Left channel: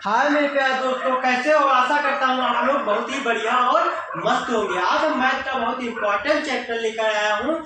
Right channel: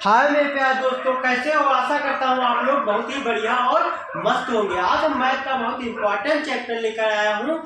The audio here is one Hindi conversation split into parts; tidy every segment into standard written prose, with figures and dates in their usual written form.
हाय मेरे प्यारे दोस्तों, कैसे हो? आशा करता हूँ आप लोग बहुत ही बढ़िया और मस्त होंगे। आज हम मैथ का बहुत इंपॉर्टेंट चैप्टर लेकर आया हूँ।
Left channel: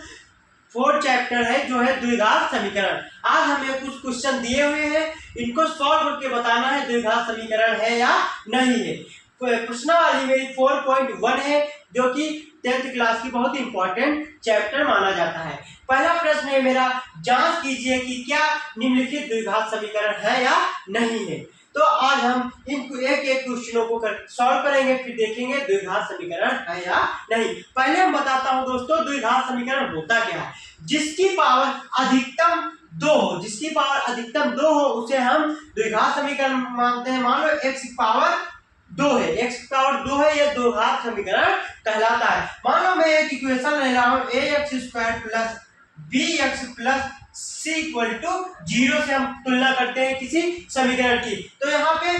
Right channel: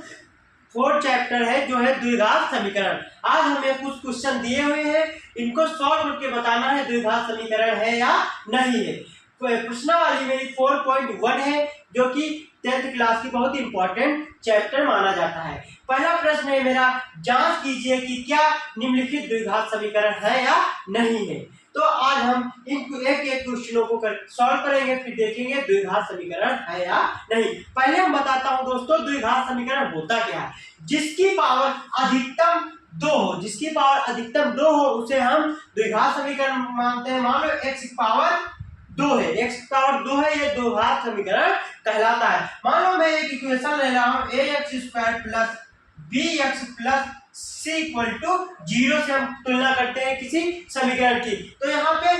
फोर्थ चैप्टर है जो है द्विघात समीकरण। आज हमें कुछ क्वेश्चन दिए हुए हैं, इनको सॉल्व करके बताना है द्विघात समीकरण है या नहीं है। प्रश्नावली मेरी 4.1 है जो कि 10th क्लास की बहुत इंपॉर्टेंट चैप्टर माना जाता है। पहला प्रश्न है मेरा, जांच कीजिए कि क्या निम्नलिखित द्विघात समीकरण है या नहीं है। तो आज हम इन एक एक क्वेश्चनों को सॉल्व करेंगे, फिर देखेंगे द्विघात समीकरण है या नहीं। पहले हम बताता हूं दोस्तों, द्विघात समीकरण होता क्या है। जिसकी पावर अधिकतम 2 हो, जिसकी पावर अधिकतम 2 हो उसे हम द्विघात समीकरण मानते हैं। मान लो x की पावर 2 है, x की पावर 2 है, यह द्विघात समीकरण कहलाता है। मान लो मैं एक इक्वेशन ले रहा हूं ax² plus bx plus c equal to 0 से हम तुलना करते हैं किसी समीकरण की। तो यहाँ पे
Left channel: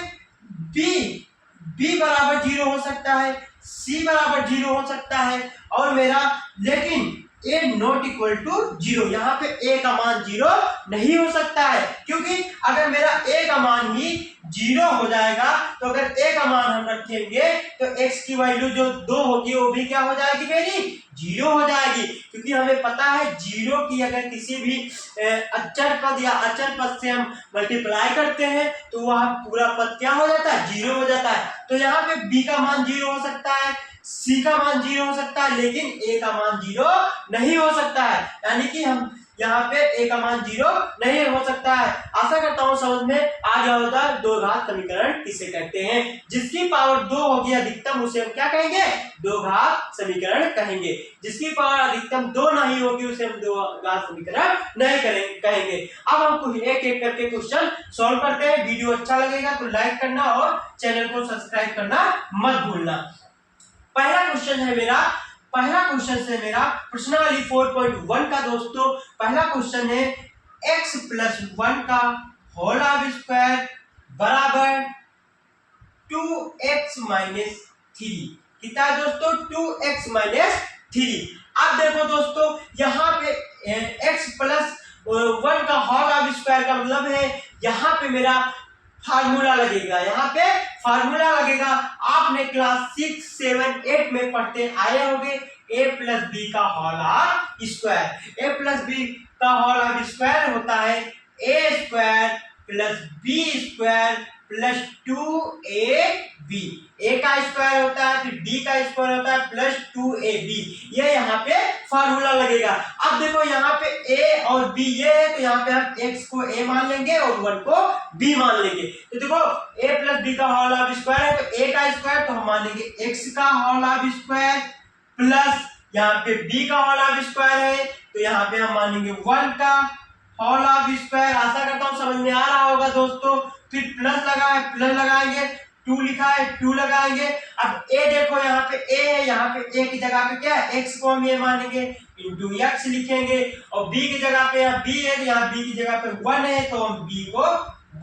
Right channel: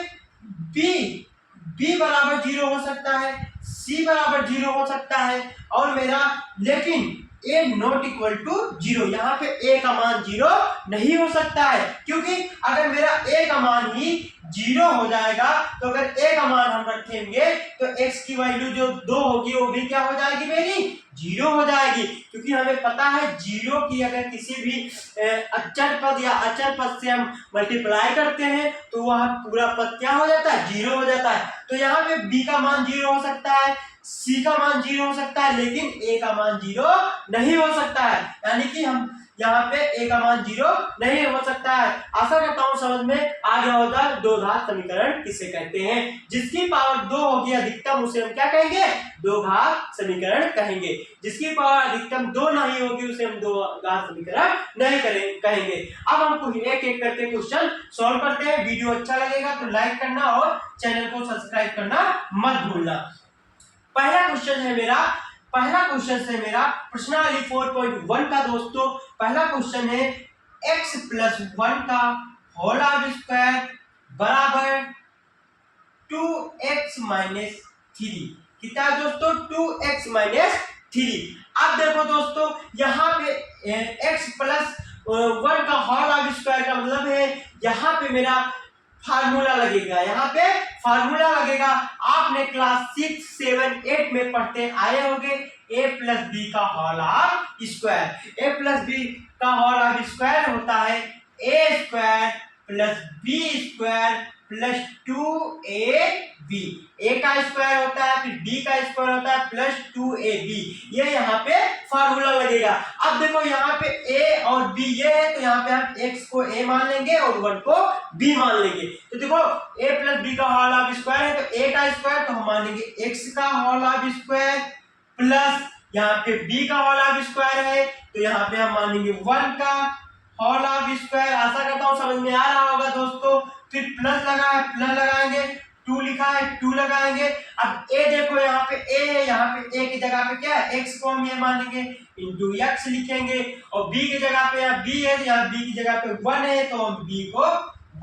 b बराबर 0 हो सकता है, c बराबर 0 हो सकता है और मेरा, लेकिन a नॉट इक्वल टू 0, यहाँ पे a का मान 0 नहीं हो सकता है। क्योंकि अगर मेरा a का मान ही 0 हो जाएगा तो अगर a का मान हम रखेंगे तो x की वैल्यू जो 2 होगी वो भी क्या हो जाएगी, मेरी 0 हो जाएगी। क्योंकि हमें पता है 0 की अगर किसी भी अचर पद या अचर पद से हम मल्टीप्लाई करते हैं तो वह पूरा पद क्या हो जाता है, 0 हो जाता है। तो यहाँ पे b का मान 0 हो सकता है, c का मान 0 हो सकता है, लेकिन a का मान 0 नहीं हो सकता है। यानी कि हम यहाँ पे a का मान 0 नहीं हो सकता है। आशा करता हूँ समझ में आ गया होगा द्विघात समीकरण किसे कहते हैं। जिसकी पावर 2 होगी अधिकतम उसे हम क्या कहेंगे, द्विघात समीकरण कहेंगे। जिसकी पावर अधिकतम 2 नहीं होगी उसे हम द्विघात समीकरण नहीं कहेंगे। अब हम कुछ एक एक करके क्वेश्चन सॉल्व करते हैं। वीडियो अच्छा लगेगा तो लाइक करना और चैनल को सब्सक्राइब करना मत भूलना। पहला क्वेश्चन है मेरा प्रश्नावली 4.1 का दोस्तों। पहला क्वेश्चन है x प्लस 1 का होल स्क्वायर बराबर 2x माइनस 3। कितना है दोस्तों, 2x माइनस 3। अब देखो दोस्तों, यहाँ पे x प्लस 1 का होल स्क्वायर का मतलब है यहाँ पे मेरा फार्मूला लगेगा, यहाँ पे फार्मूला लगेगा। आपने क्लास 6, 7, 8 में पढ़ते आए होंगे a प्लस बी का whole square. a plus B का होल स्क्वायर होता है a square plus B square plus 2ab। a का स्क्वायर होता है, फिर b का स्क्वायर होता है प्लस 2ab। ये यहाँ पे फार्मूला लगेगा। अब देखो यहाँ पे a और b ये है, तो यहाँ पे हम x को a मान लेंगे और 1 को b मान लेंगे। तो देखो a प्लस बी का होल स्क्वायर है, तो a का स्क्वायर तो हम मान लेंगे x का होल स्क्वायर प्लस यहाँ पे b का होल स्क्वायर है, तो यहाँ पे हम मान लेंगे 1 का होल स्क्वायर। आशा करता हूँ समझ में आ रहा होगा दोस्तों। फिर प्लस लगाएंगे, 2 लिखा है 2 लगाएंगे। अब a देखो यहाँ पे a है, यहाँ पे a की जगह पे क्या है, x को हम ये मानेंगे इंटू x लिखेंगे, और b की जगह पे यहाँ b है, यहाँ b की जगह पे 1 है तो हम b को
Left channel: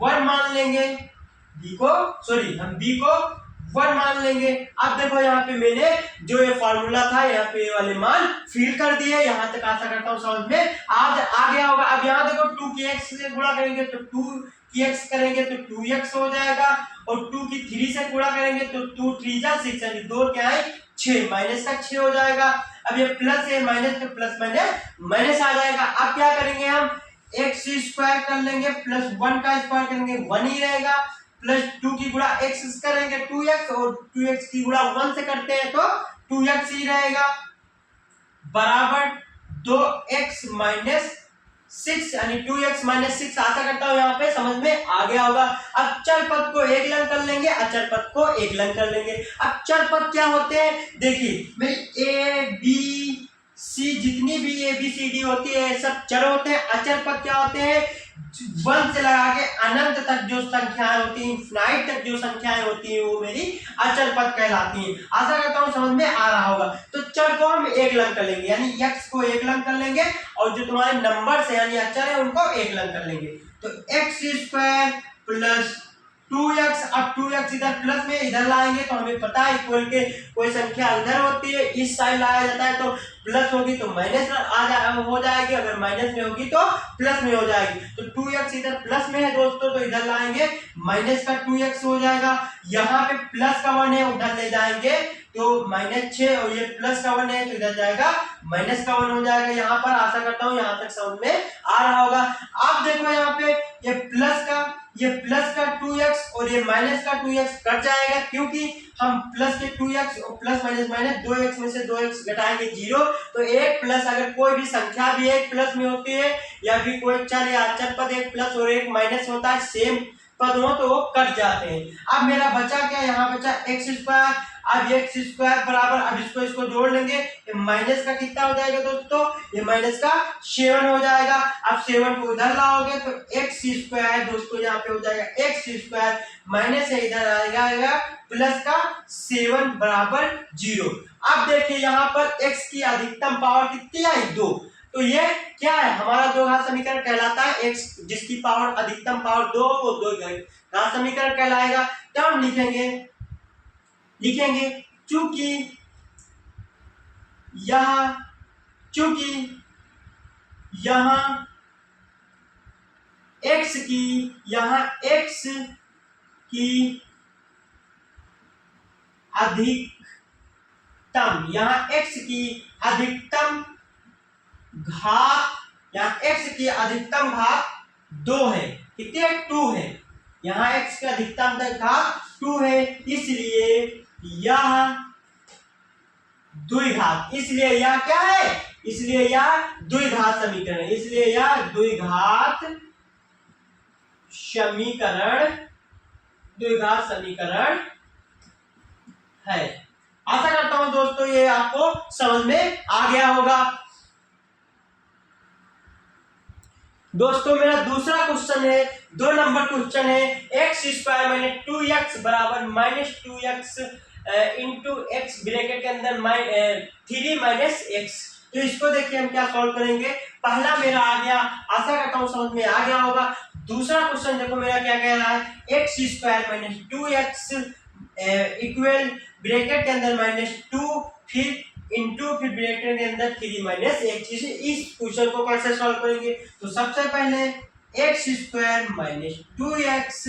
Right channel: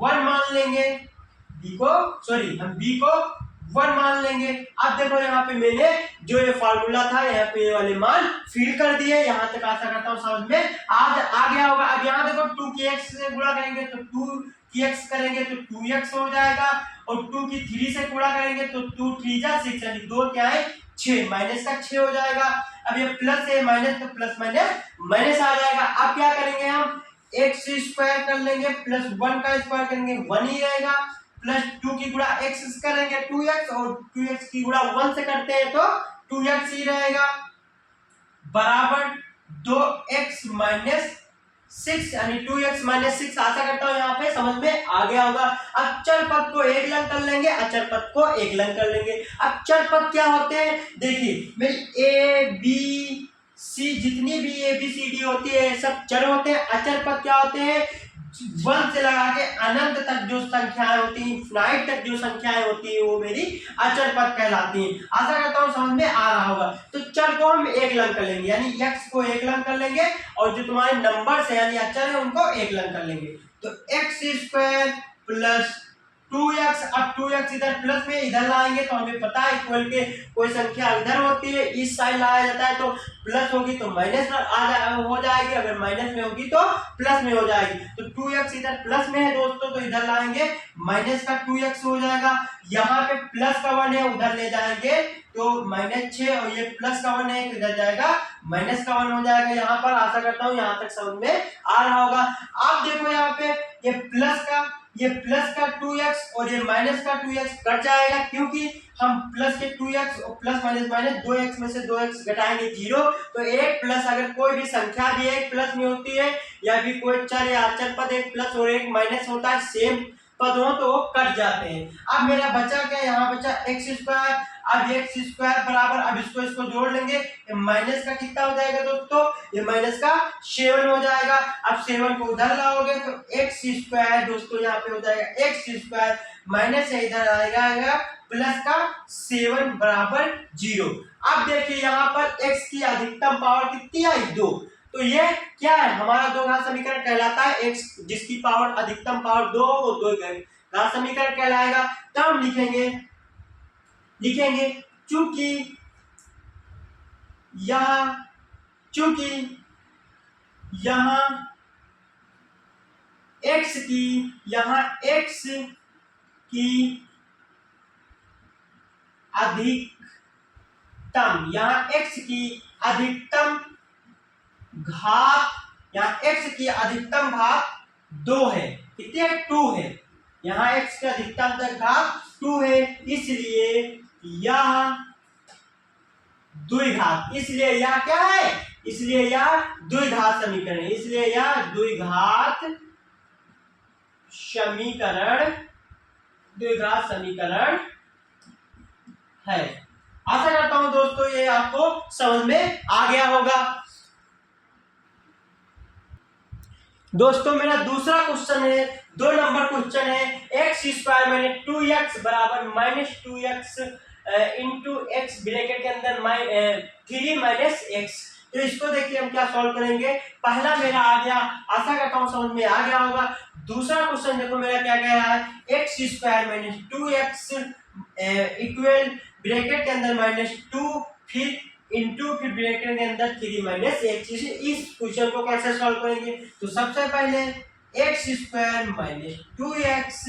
1 मान लेंगे, हम b को 1 मान लेंगे। अब देखो यहाँ पे मैंने जो ये फार्मूला था यहाँ पे ये वाले मान फिल कर दिए। यहाँ तक आशा करता हूँ समझ में आ गया होगा। अब यहाँ देखो 2 की x से गुणा करेंगे तो 2 की x करेंगे तो 2x हो जाएगा, और 2 की 3 से गुणा करेंगे तो 2 3 जा 6, यानी 2 क्या है 6, माइनस का 6 हो जाएगा। अब ये प्लस है माइनस, तो प्लस माइनस आ जाएगा। अब क्या करेंगे, हम x स्क्वायर कर लेंगे प्लस 1 का स्क्वायर करेंगे 1 ही रहेगा, प्लस 2 की गुणा x करेंगे 2x, और 2x की गुणा 1 से करते हैं तो 2x ही रहेगा, बराबर 2x माइनस 6, यानी 2x माइनस 6। आशा करता हूँ यहाँ पे समझ में आ गया होगा। अब चर पद को एक लंग कर लेंगे, अचर पद को एक लंग कर लेंगे। अब चर पद क्या होते हैं, देखिए मैं a b c जितनी भी a b c d होती है सब चर होते हैं। अचर पद क्या होते हैं, 1 से लगा के अनंत तक जो संख्याएं होती हैं, इनफिनाइट तक जो संख्याएं होती हैं वो मेरी अचर पद कहलाती हैं। आशा करता हूँ समझ में आ रहा होगा। तो चर को हम एक लंग कर लेंगे, यानी x को एक लंग कर लेंगे, और जो तुम्हारे नंबर से यानी अचर है उनको एक लंग कर लेंगे। तो x स्क्वायर प्लस 2x, अब 2x इधर प्लस में इधर लाएंगे तो हमें पता है इक्वल के कोई संख्या इधर होती है इस साइड लाया जाता है, तो प्लस होगी तो माइनस हो जाएगी, अगर माइनस में होगी तो प्लस में हो जाएगी। तो 2x इधर प्लस में है दोस्तों, तो इधर लाएंगे माइनस का 2x हो जाएगा। यहाँ पे प्लस का 1 है, उधर ले जाएंगे तो -6, और ये प्लस का 1 है तो इधर जाएगा माइनस का 1 हो जाएगा। यहाँ पर आशा करता हूँ यहाँ तक समझ में आ रहा होगा। आप देखो यहाँ पे ये प्लस का 2x और ये माइनस का 2x कट जाएगा, क्योंकि हम प्लस के 2x और प्लस माइनस माइनस 2x में से 2x घटाएंगे 0, तो एक प्लस अगर कोई भी संख्या भी एक प्लस में होती है या भी कोई चर या अचर पद एक प्लस और एक माइनस होता है, सेम पद हो तो वो कट जाते हैं। अब मेरा बचा क्या, यहाँ बचा एक्स स्क्वायर। अब एक्स स्क्वायर बराबर, अब इसको जोड़ लेंगे, ये माइनस का कितना हो जाएगा दोस्तों, ये माइनस का 7 हो जाएगा। अब 7 को उधर लाओगे तो एक्स स्क्वायर दोस्तों यहाँ पे हो जाएगा एक्स स्क्वायर, माइनस है इधर आएगा प्लस का 7 बराबर 0। अब देखिए यहाँ पर x की अधिकतम पावर कितनी आई, 2। तो ये क्या है, हमारा दो घात समीकरण कहलाता है। x जिसकी पावर अधिकतम पावर 2 वो दो घात समीकरण कहलाएगा। तो हम लिखेंगे चूंकि यहाँ x की अधिकतम, यहाँ x की अधिकतम घात, यहाँ x की अधिकतम घात 2 है, कितनी है, 2 है। यहाँ x की अधिकतम घात 2 है, इसलिए यह द्विघात, इसलिए यह क्या है, इसलिए यह द्विघात समीकरण है, इसलिए यह द्विघात समीकरण है। आशा करता हूं दोस्तों ये आपको समझ में आ गया होगा। दोस्तों मेरा दूसरा क्वेश्चन है, 2 नंबर क्वेश्चन है, एक्स स्क्वायर माइनस 2x बराबर -2x इंटू एक्स ब्रैकेट के अंदर 3 माइनस एक्स। तो इसको देखिए हम क्या सॉल्व करेंगे। पहला मेरा आ गया, आशा करता हूं समझ में आ गया होगा। दूसरा क्वेश्चन देखो मेरा क्या कह रहा है, x square minus 2x equal bracket के अंदर -2 फिर इंटू फिर ब्रैकेट के अंदर 3 माइनस एक्स। इस क्वेश्चन को कैसे सॉल्व करेंगे, तो सबसे पहले एक्स स्क्वायर माइनस 2x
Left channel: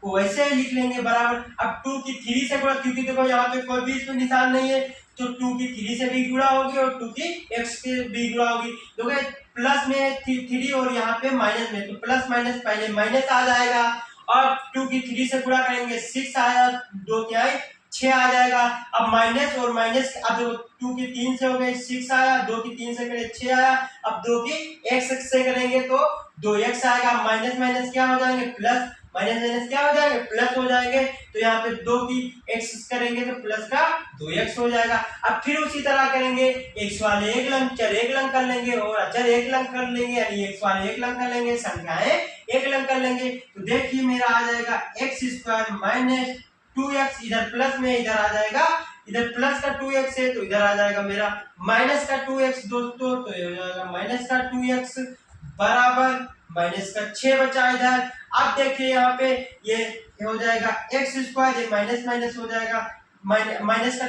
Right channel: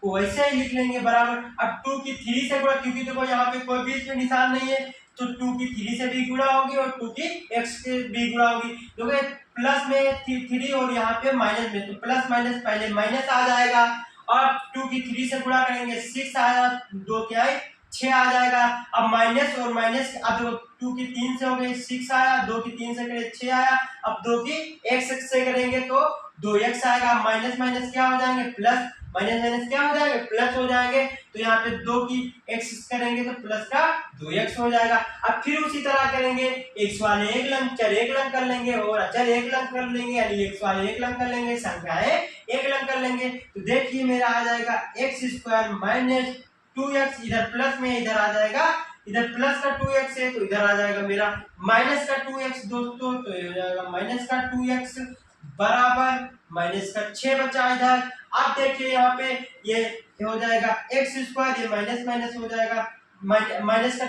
को वैसे ही लिख लेंगे बराबर, अब 2 की 3 से गुणा, क्योंकि देखो यहाँ पे कोई बीच में निशान नहीं है, तो 2 की 3 से भी गुणा होगी और 2 की x के भी गुणा होगी। देखो प्लस में 3 और यहाँ पे माइनस में, तो प्लस माइनस पहले माइनस आ जाएगा, और 2 की 3 से गुणा करेंगे 6 आया, 2 क्या है 6 आ जाएगा। अब माइनस और माइनस, अब 2 की 3 से हो गए 6 आया, 2 की 3 से करें 6 आया, अब 2 की x से करेंगे तो 2x आएगा। माइनस माइनस क्या हो जाएंगे प्लस, माइनस माइनस क्या हो जाएंगे प्लस हो जाएंगे। तो यहाँ पे 2 की x करेंगे तो प्लस का 2x हो जाएगा। अब फिर उसी तरह करेंगे, x वाले एक लंग चर एक लंग कर लेंगे और अचर एक लंग कर लेंगे, यानी x वाले एक लंग कर लेंगे, संख्याएं एक लंग कर लेंगे। तो देखिए मेरा आ जाएगा एक्स स्क्वायर माइनस 2x, इधर प्लस में इधर आ जाएगा, इधर प्लस का 2x है तो इधर आ जाएगा मेरा माइनस का 2x दोस्तों, तो ये हो जाएगा माइनस का 2x बराबर माइनस का 6 बचा इधर। अब देखिए यहाँ पे ये हो जाएगा एक्स स्क्वायर, ये माइनस माइनस हो जाएगा, माइनस का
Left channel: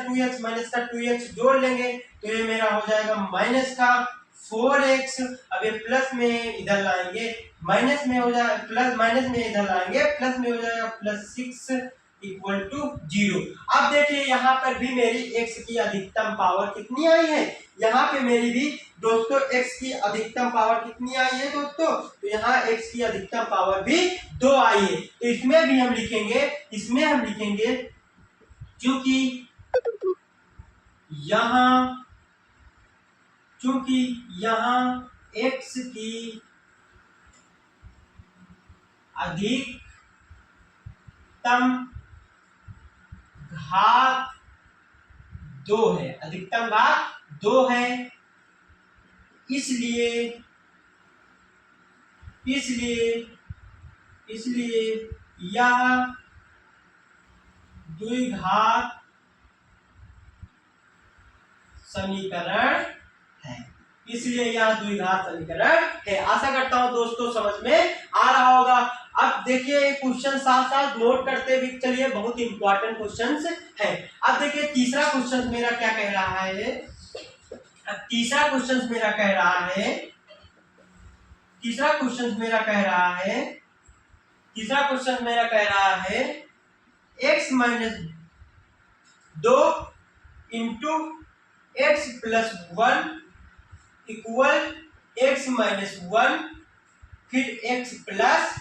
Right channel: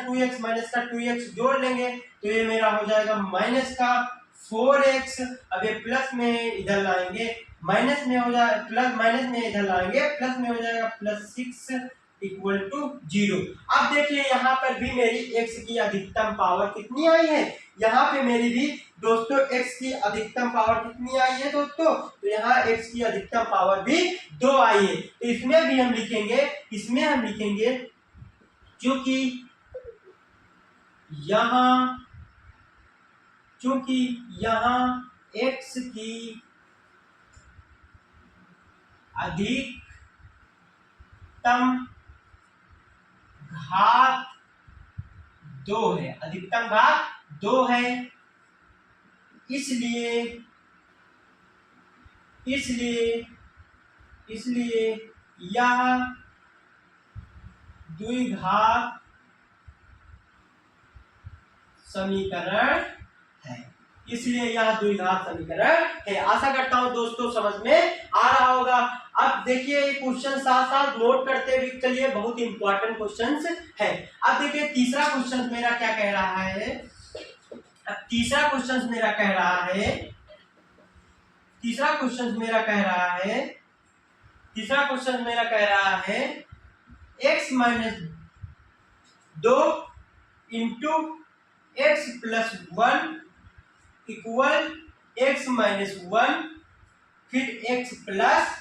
2x जोड़ लेंगे तो ये मेरा हो जाएगा माइनस का 4x। अब ये प्लस में इधर लाएंगे माइनस में हो जाएगा, प्लस माइनस में इधर लाएंगे प्लस में हो जाएगा प्लस 6 इक्वल टू 0। अब देखिए यहाँ पर भी मेरी x की अधिकतम पावर कितनी आई है, यहाँ पे मेरी भी दोस्तों x की अधिकतम पावर कितनी आई है दोस्तों, तो यहाँ x की अधिकतम पावर भी 2 आई है। तो इसमें भी हम लिखेंगे चूंकि यहाँ x की अधिकतम घात 2 है, अधिकतम घात 2 है, इसलिए यह द्विघात समीकरण है, इसलिए यह द्विघात समीकरण है। आशा करता हूं दोस्तों समझ में आ रहा होगा। अब देखिए ये क्वेश्चन साथ साथ नोट करते हुए चलिए, बहुत इंपॉर्टेंट क्वेश्चंस है। अब देखिए तीसरा क्वेश्चन मेरा क्या कह रहा है। अब तीसरा क्वेश्चन मेरा कह रहा है, तीसरा क्वेश्चन मेरा कह रहा है, तीसरा क्वेश्चन मेरा कह रहा है x minus 2 into x plus 1 equal x minus 1 फिर x प्लस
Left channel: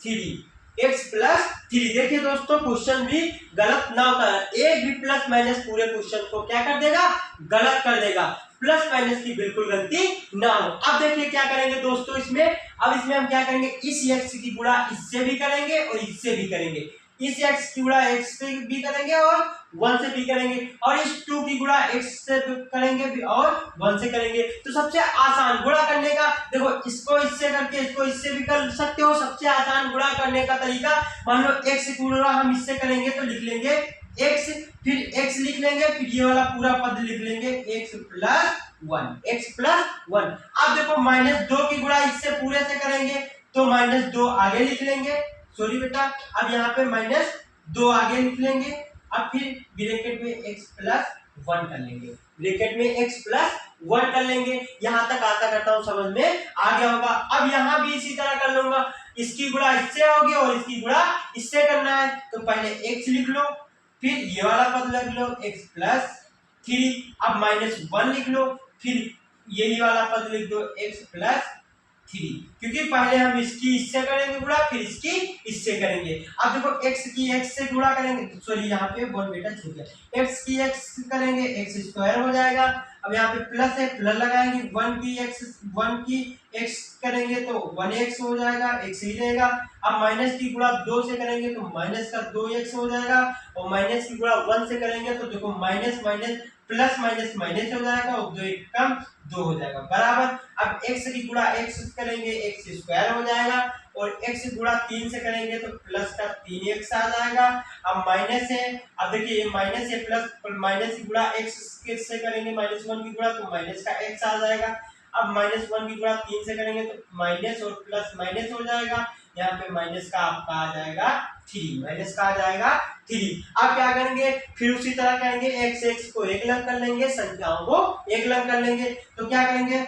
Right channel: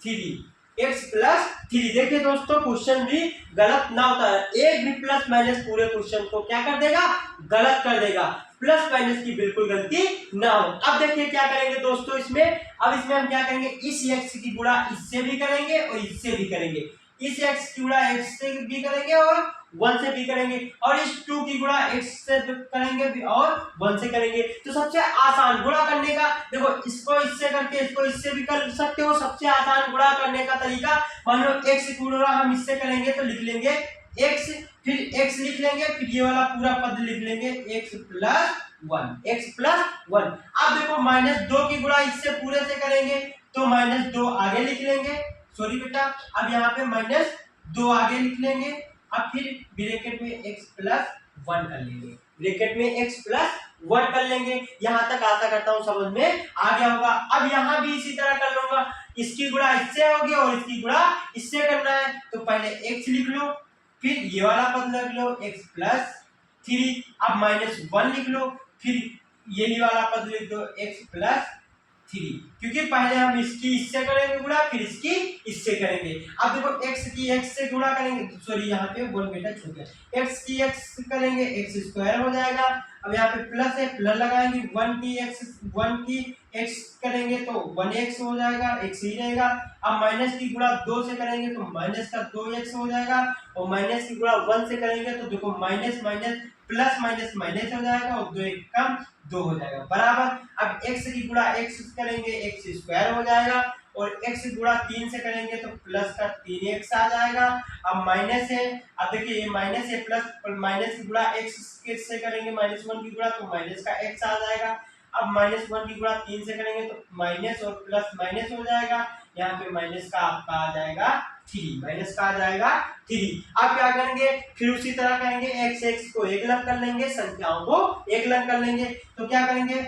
3, x प्लस 3। देखिए दोस्तों क्वेश्चन भी गलत ना होता है, एक भी प्लस माइनस पूरे क्वेश्चन को क्या कर देगा, गलत कर देगा। प्लस माइनस की बिल्कुल गलती ना हो। अब देखिए क्या करेंगे दोस्तों इसमें, अब इसमें हम क्या करेंगे, इस x की गुणा इससे भी करेंगे और इससे भी करेंगे। इस x की गुणा x से भी करेंगे और 1 से भी करेंगे, और इस 2 की गुणा x से करेंगे भी और 1 से करेंगे। तो सबसे आसान गुणा करने का, देखो इसको इससे करके इसको इससे भी कर सकते हो। सबसे आसान गुणा करने का तरीका, मान लो x की गुणा हम इससे करेंगे तो लिख लेंगे x, फिर x लिख लेंगे, फिर ये वाला पूरा पद लिख लेंगे x प्लस 1, x प्लस 1। अब देखो -2 की गुणा इससे पूरे से करेंगे तो -2 आगे लिख लेंगे, सॉरी बेटा, अब यहाँ पे -2 आगे लिख लेंगे। अब फिर ब्रैकेट में x प्लस 1 कर लेंगे, ब्रैकेट में x प्लस 1 कर लेंगे। यहाँ तक आशा करता हूँ समझ में आ गया होगा। अब यहाँ भी इसी तरह कर लूंगा, इसकी गुणा इससे होगी और इसकी गुणा इससे करना है, तो पहले x लिख लो, फिर ये वाला पद लिख लो x प्लस 3, अब -1 लिख लो, फिर यही वाला पद लिख दो x प्लस 3, क्योंकि पहले हम इसकी इससे करेंगे गुणा, फिर इसकी इससे करेंगे। अब देखो x की x से गुणा करेंगे, सॉरी यहाँ पे 1 बेटा छूट गया, x की x करेंगे x स्क्वायर हो जाएगा। अब यहाँ पे प्लस है, प्लस लगाएंगे, 1 की x करेंगे तो 1x हो जाएगा, x ही रहेगा। अब माइनस की गुणा 2 से करेंगे तो माइनस का 2x हो जाएगा, और माइनस की गुणा 1 से करेंगे तो देखो minus minus plus minus minus हो जाएगा, और 2 एक कम 2 हो जाएगा बराबर। अब x की गुणा x करेंगे x स्क्वायर हो जाएगा, और x गुणा 3 से करेंगे तो प्लस का 3x आ जाएगा। अब माइनस है, अब देखिए ये माइनस है, प्लस माइनस की गुणा x से करेंगे -1 की गुणा तो माइनस का x आ जाएगा। अब -1 की गुणा 3 से करेंगे तो माइनस और प्लस माइनस हो जाएगा, यहाँ पे माइनस का आपका आ जाएगा 3, माइनस का आ जाएगा 3। अब क्या करेंगे, फिर उसी तरह करेंगे, x को एक लंग कर लेंगे, संख्याओं को एक लंग कर लेंगे, तो क्या करेंगे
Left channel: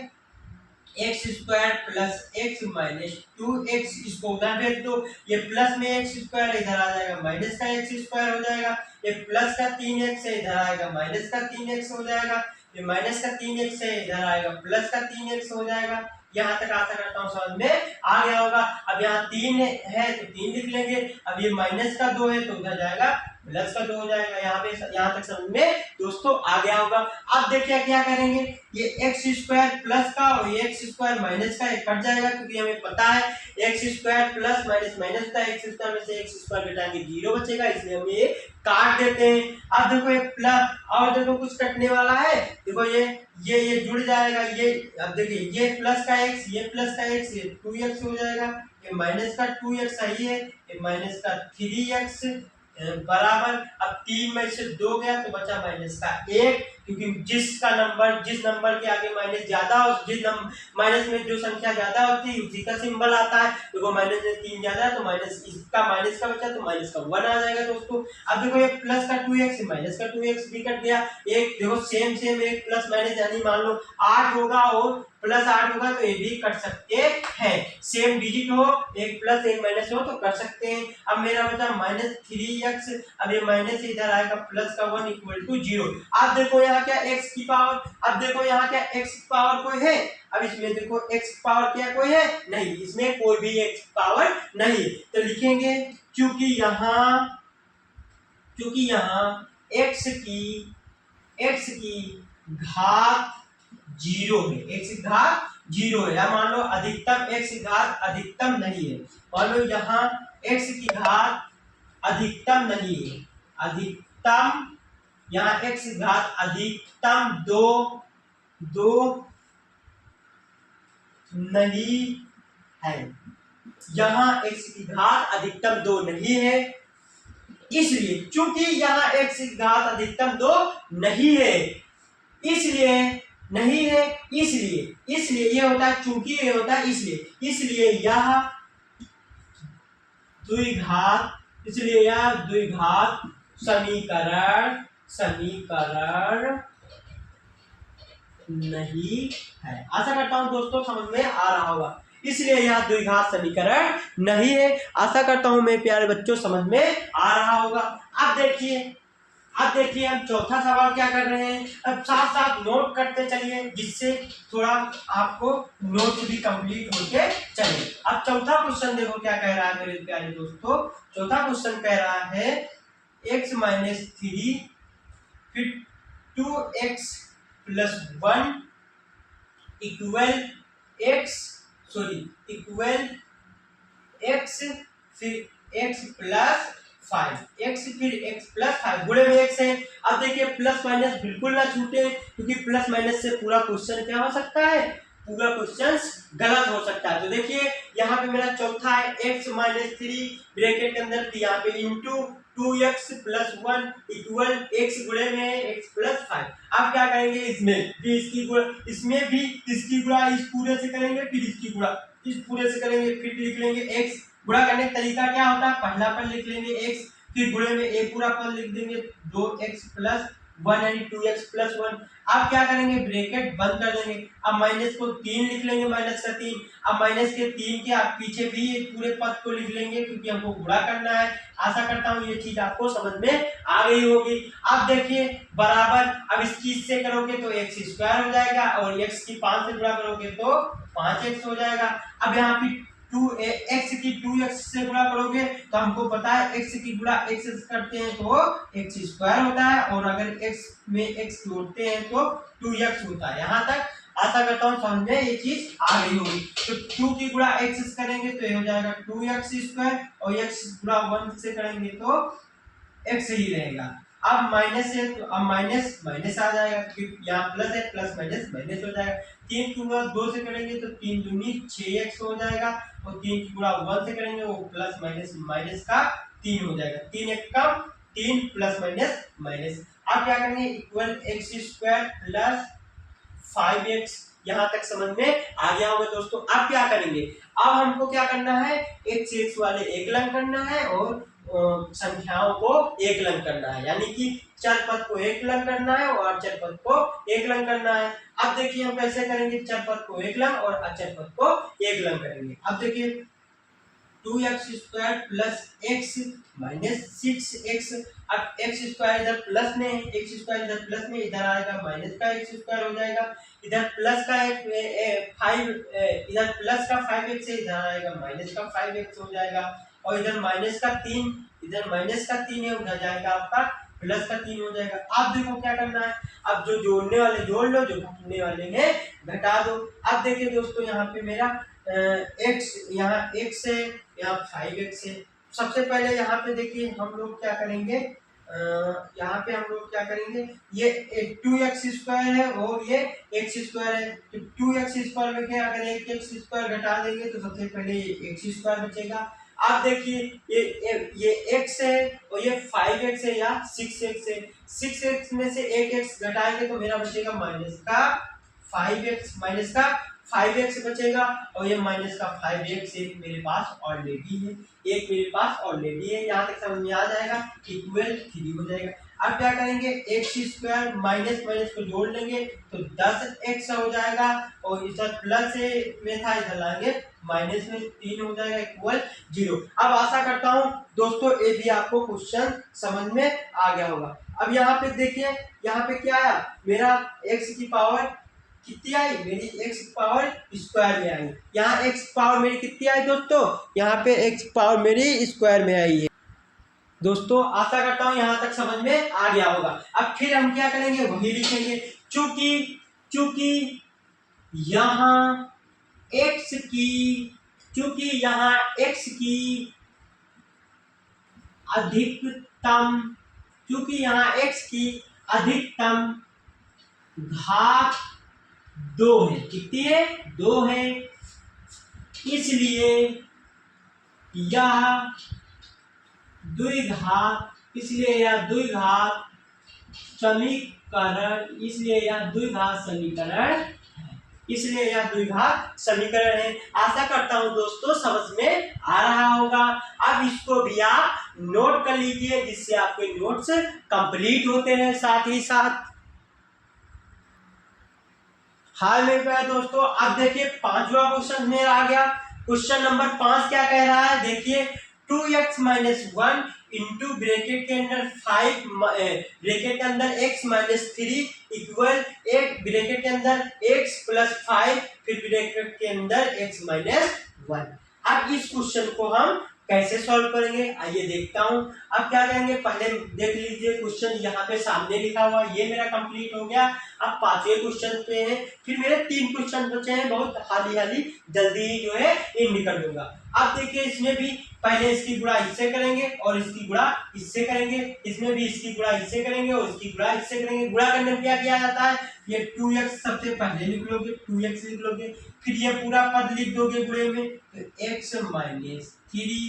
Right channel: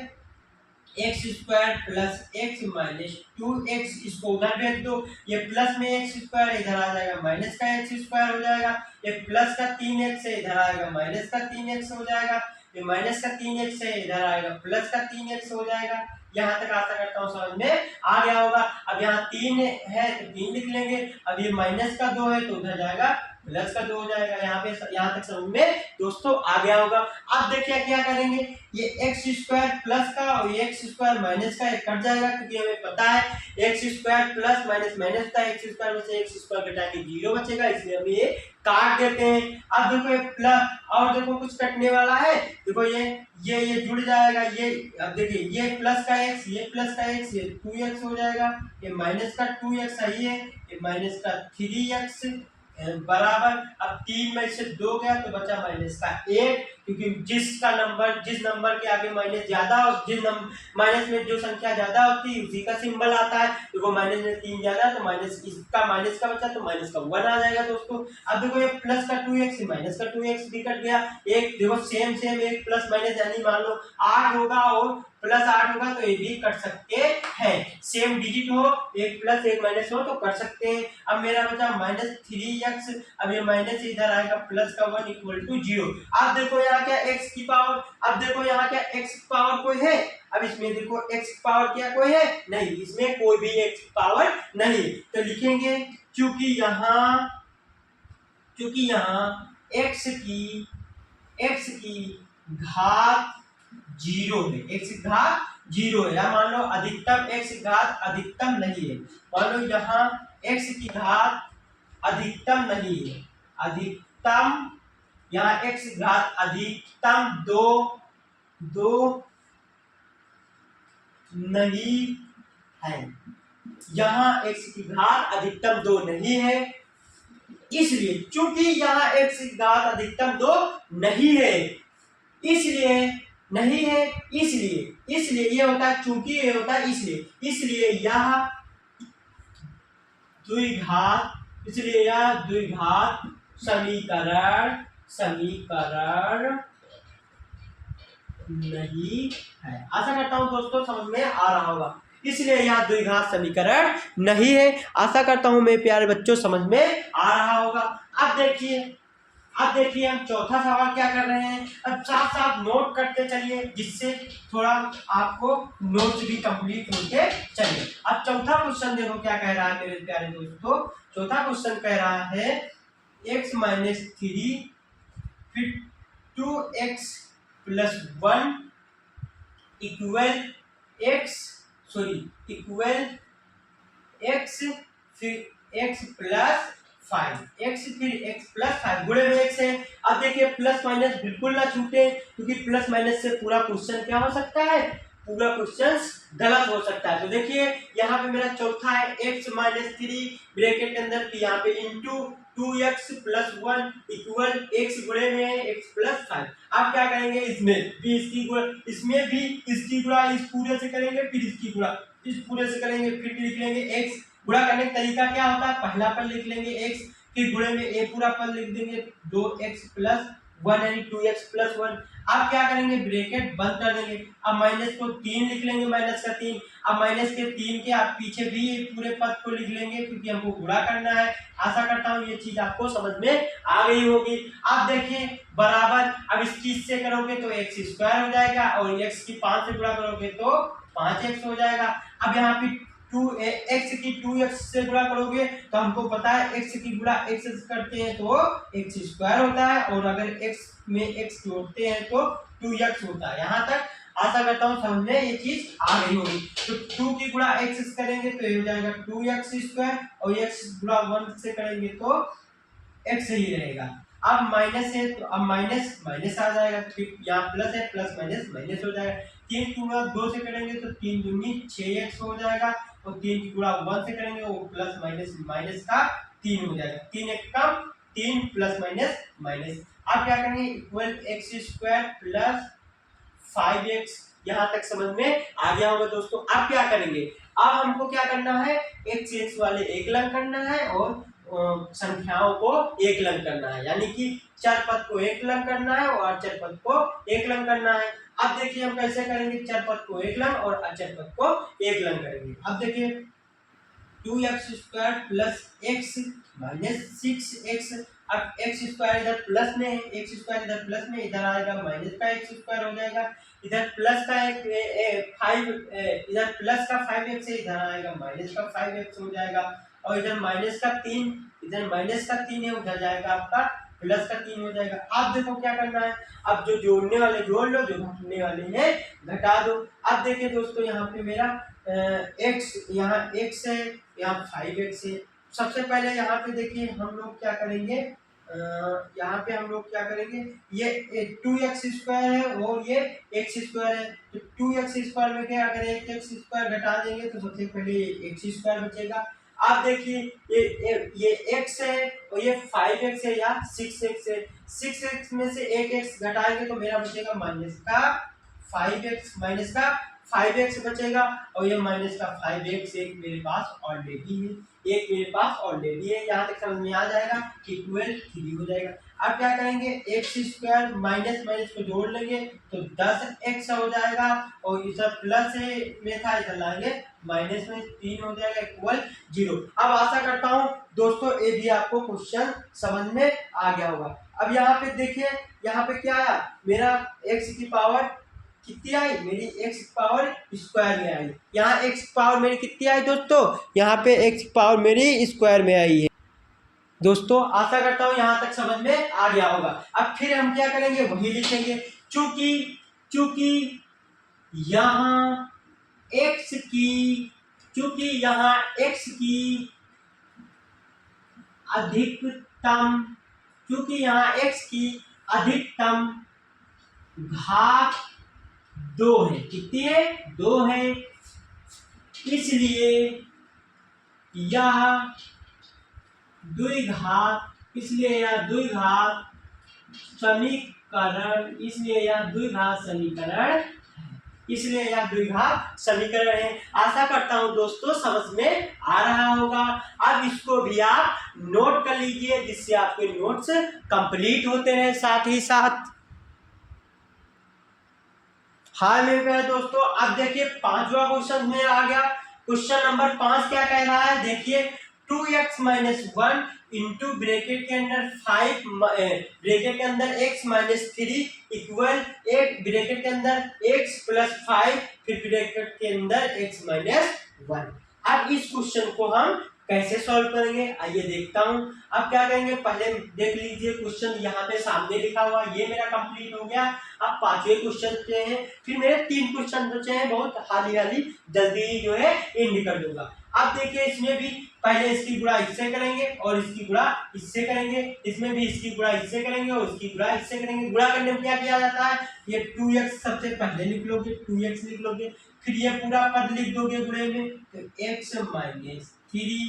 x square plus x minus 2x, इसको उधर भेज दो, ये प्लस में एक्स स्क्वायर इधर आ जाएगा, माइनस का एक्स स्क्वायर हो जाएगा, ये प्लस का 3x है इधर आएगा, माइनस का 3x हो जाएगा, ये माइनस का 3x है इधर आएगा, प्लस का 3x हो जाएगा। यहाँ तक आशा करता हूँ समझ में आ गया होगा। अब यहाँ 3 है तो 3 लिख लेंगे, अब ये माइनस का 2 है तो उधर जाएगा प्लस का 2 हो जाएगा। यहाँ तक समझ में दोस्तों आ गया होगा। अब देखिए क्या करेंगे, ये एक्स स्क्वायर प्लस का और ये एक्स स्क्वायर माइनस का कट जाएगा, क्योंकि हमें पता है x square plus minus minus का, एक्स स्क्वायर में से एक्स स्क्वायर घटाएंगे 0 बचेगा, इसलिए हम ये काट देते हैं। अब देखो ये प्लस, और देखो कुछ कटने वाला है, देखो ये जुड़ जाएगा, ये अब देखिए ये प्लस का x, ये प्लस का x, ये 2x हो जाएगा, ये माइनस का 2x सही है, ये माइनस का 3x बराबर। अब 3 में से 2 गया तो बचा माइनस का 1, क्योंकि जिस नंबर के आगे माइनस ज्यादा हो, माइनस में जो संख्या ज्यादा होती है उसी का सिंबल आता है। देखो माइनस में 3 ज्यादा है तो माइनस इसका माइनस का बचा तो माइनस का 1 आ जाएगा दोस्तों। अब देखो ये प्लस का 2x माइनस का 2x भी कट गया, एक देखो सेम एक प्लस माइनस, यानी मान लो 8 होगा और प्लस 8 होगा तो ये भी कट सकते हैं, सेम डिजिट हो, एक प्लस एक माइनस हो तो कर सकते हैं। अब मेरा बचा -3x, अब ये माइनस इधर आएगा, प्लस का 1 इक्वल टू 0। अब देखो यहाँ क्या x की पावर, अब देखो यहाँ क्या x की पावर कोई है, अब इसमें देखो x की पावर क्या कोई है नहीं, इसमें कोई भी x की पावर नहीं, तो लिखेंगे क्योंकि यहाँ x की घात 0 है, x की घात 0 है, या मान लो अधिकतम x की घात अधिकतम नहीं है, मान लो यहाँ x की घात अधिकतम नहीं है, अधिकतम यहाँ x की घात अधिकतम 2 नहीं है, यहाँ x की घात अधिकतम 2 नहीं है, इसलिए चूंकि यहाँ x की घात अधिकतम 2 नहीं है, इसलिए नहीं है, इसलिए ये होता है, चूंकि ये होता है इसलिए यह द्विघात समीकरण नहीं है। आशा करता हूं दोस्तों समझ में आ रहा होगा। इसलिए यह द्विघात समीकरण नहीं है। आशा करता हूं मेरे प्यारे बच्चों समझ में आ रहा होगा। अब देखिए हम चौथा सवाल क्या कर रहे हैं। अब साथ साथ नोट करते चलिए, जिससे थोड़ा आपको नोट भी कंप्लीट होते चलिए। अब चौथा क्वेश्चन देखो क्या कह रहा है मेरे प्यारे दोस्तों। चौथा क्वेश्चन कह रहा है x-3 फिर 2x+1 इक्वल x फिर x+5 गुणे में x है। अब देखिए प्लस माइनस बिल्कुल ना छूटे, क्योंकि प्लस माइनस से पूरा क्वेश्चन क्या हो सकता है, पूरा क्वेश्चन गलत हो सकता है। तो देखिए यहाँ पे मेरा चौथा है x-3 ब्रैकेट के अंदर, यहाँ पे इंटू 2x+1 इक्वल x गुणे में x+5। अब क्या करेंगे, इसमें भी इसकी गुणा इस पूरे से करेंगे, फिर इसकी गुणा इस पूरे से करेंगे, फिर लिख लेंगे x। गुणा करने का तरीका क्या होता है, पहला पद लिख लेंगे x, फिर गुणे में a पूरा पद लिख देंगे 2x+1 यानी 2x+1। अब क्या करेंगे, ब्रैकेट बंद कर देंगे। अब माइनस को 3 लिख लेंगे, माइनस का 3। अब माइनस के 3 के आप पीछे भी पूरे पद को लिख लेंगे, क्योंकि हमको गुणा करना है। आशा करता हूँ ये चीज आपको समझ में आ गई होगी। अब देखिए बराबर, अब इस चीज से करोगे तो x² हो जाएगा, और x की 5 से गुणा करोगे तो 5x हो जाएगा। अब यहाँ पे x की 2x से गुणा करोगे तो हमको पता है x की गुणा x से करते हैं तो x² होता है, और अगर x में x जोड़ते हैं तो 2x होता है। यहाँ तक आशा करता हूँ समझ में ये चीज आ गई होगी। तो 2 की गुणा x से करेंगे तो ये हो जाएगा 2x², और x गुणा 1 से करेंगे तो x ही रहेगा। अब माइनस है तो अब माइनस आ जाएगा, फिर यहाँ प्लस है, प्लस माइनस हो जाएगा। 3 की गुणा 2 से करेंगे तो 3 दूनी 6x हो जाएगा, और 3 की गुणा 1 से करेंगे वो प्लस माइनस का 3 हो जाएगा। 3 एक कम 3 प्लस माइनस। अब क्या करेंगे, इक्वल x² + 5x। यहाँ तक समझ में आ गया होगा दोस्तों। अब क्या करेंगे, अब हमको क्या करना है, x वाले एकलंग करना है और संख्याओं को एकलंग करना है, यानी कि चर पद को एकलंग करना है और अचर पद को एकलंग करना है। अब देखिए हम कैसे करेंगे, चर पद को एकलंग और अचर पद को एकलंग करेंगे। अब देखिए 2x² + x - 6x। अब x² इधर प्लस में है, x² इधर प्लस में, इधर आएगा माइनस का x² हो जाएगा। इधर प्लस का 5x है, इधर आएगा माइनस का 5x हो जाएगा। और इधर माइनस का 3 है, उधर जाएगा आपका प्लस का 3 हो जाएगा। अब देखो क्या करना है, अब जो जोड़ने वाले जोड़ लो, जो घटाने वाले हैं घटा दो। अब देखिए दोस्तों यहाँ पे मेरा x, यहाँ x है, यहाँ 5x है। सबसे पहले यहाँ पे देखिए हम लोग क्या करेंगे, यहाँ पे हम लोग क्या करेंगे, ये 2x² है और ये x² है। तो 2x² में क्या, अगर 1x² घटा देंगे तो सबसे पहले x² बचेगा। अब देखिए ये x है और ये 5x है या 6x है। 6x में से एक x घटाएंगे तो मेरा बचेगा माइनस का 5x बचेगा, और ये माइनस का 5x एक मेरे पास ऑलरेडी है। यहाँ तक समझ में आ जाएगा, इक्वल 3 हो जाएगा। अब क्या करेंगे, x² माइनस को जोड़ लेंगे तो 10x हो जाएगा, और इधर प्लस में था, इधर लाएंगे माइनस में, 3 हो जाएगा इक्वल 0। अब आशा करता हूँ दोस्तों ये भी आपको क्वेश्चन समझ में आ गया होगा। अब यहाँ पे देखिए, यहाँ पे क्या आया, मेरा x की पावर कितनी आई, मेरी x पावर स्क्वायर में आई। यहाँ x पावर मेरी कितनी आई दोस्तों, यहाँ पे x पावर मेरी स्क्वायर में आई है। दोस्तों आशा करता हूँ यहाँ तक समझ में आ गया होगा। अब फिर हम क्या करेंगे, वही लिखेंगे। चूंकि यहाँ x की अधिकतम घात 2 है, कितनी है, 2 है, इसलिए यह द्विघात इसलिए यह द्विघात समीकरण है। इसलिए यह द्विघात समीकरण है। आशा करता हूं दोस्तों समझ में आ रहा होगा। अब इसको भी आप नोट कर लीजिए, जिससे आपके नोट्स कंप्लीट होते रहे साथ ही साथ। हाँ मेरे प्यारे दोस्तों, अब देखिए पांचवा क्वेश्चन मेरा आ गया। क्वेश्चन नंबर 5 क्या कह रहा है, देखिए 2x-1 इंटू ब्रैकेट के अंदर 5 ब्रैकेट के अंदर x-3 इक्वल एक ब्रैकेट के अंदर x+5 फिर ब्रैकेट के अंदर x-1। अब इस क्वेश्चन को हम कैसे सॉल्व करेंगे आइए देखता हूं। अब क्या करेंगे, पहले देख लीजिए क्वेश्चन यहाँ पे सामने लिखा हुआ, ये मेरा कंप्लीट हो गया। अब पांचवें क्वेश्चन पे हैं, फिर मेरे 3 क्वेश्चन बचे हैं, बहुत हाली जल्दी ही जो है एंड कर दूंगा। अब देखिए इसमें भी पहले इसकी गुणा इससे करेंगे और इसकी गुणा इससे करेंगे, इसमें भी इसकी गुणा इससे करेंगे और इसकी गुणा इससे करेंगे। गुणा करने में क्या किया जाता है, ये 2x सबसे पहले लिख लोगे, 2x लिख लोगे, फिर ये पूरा पद लिख दोगे गुणे में, तो x-3।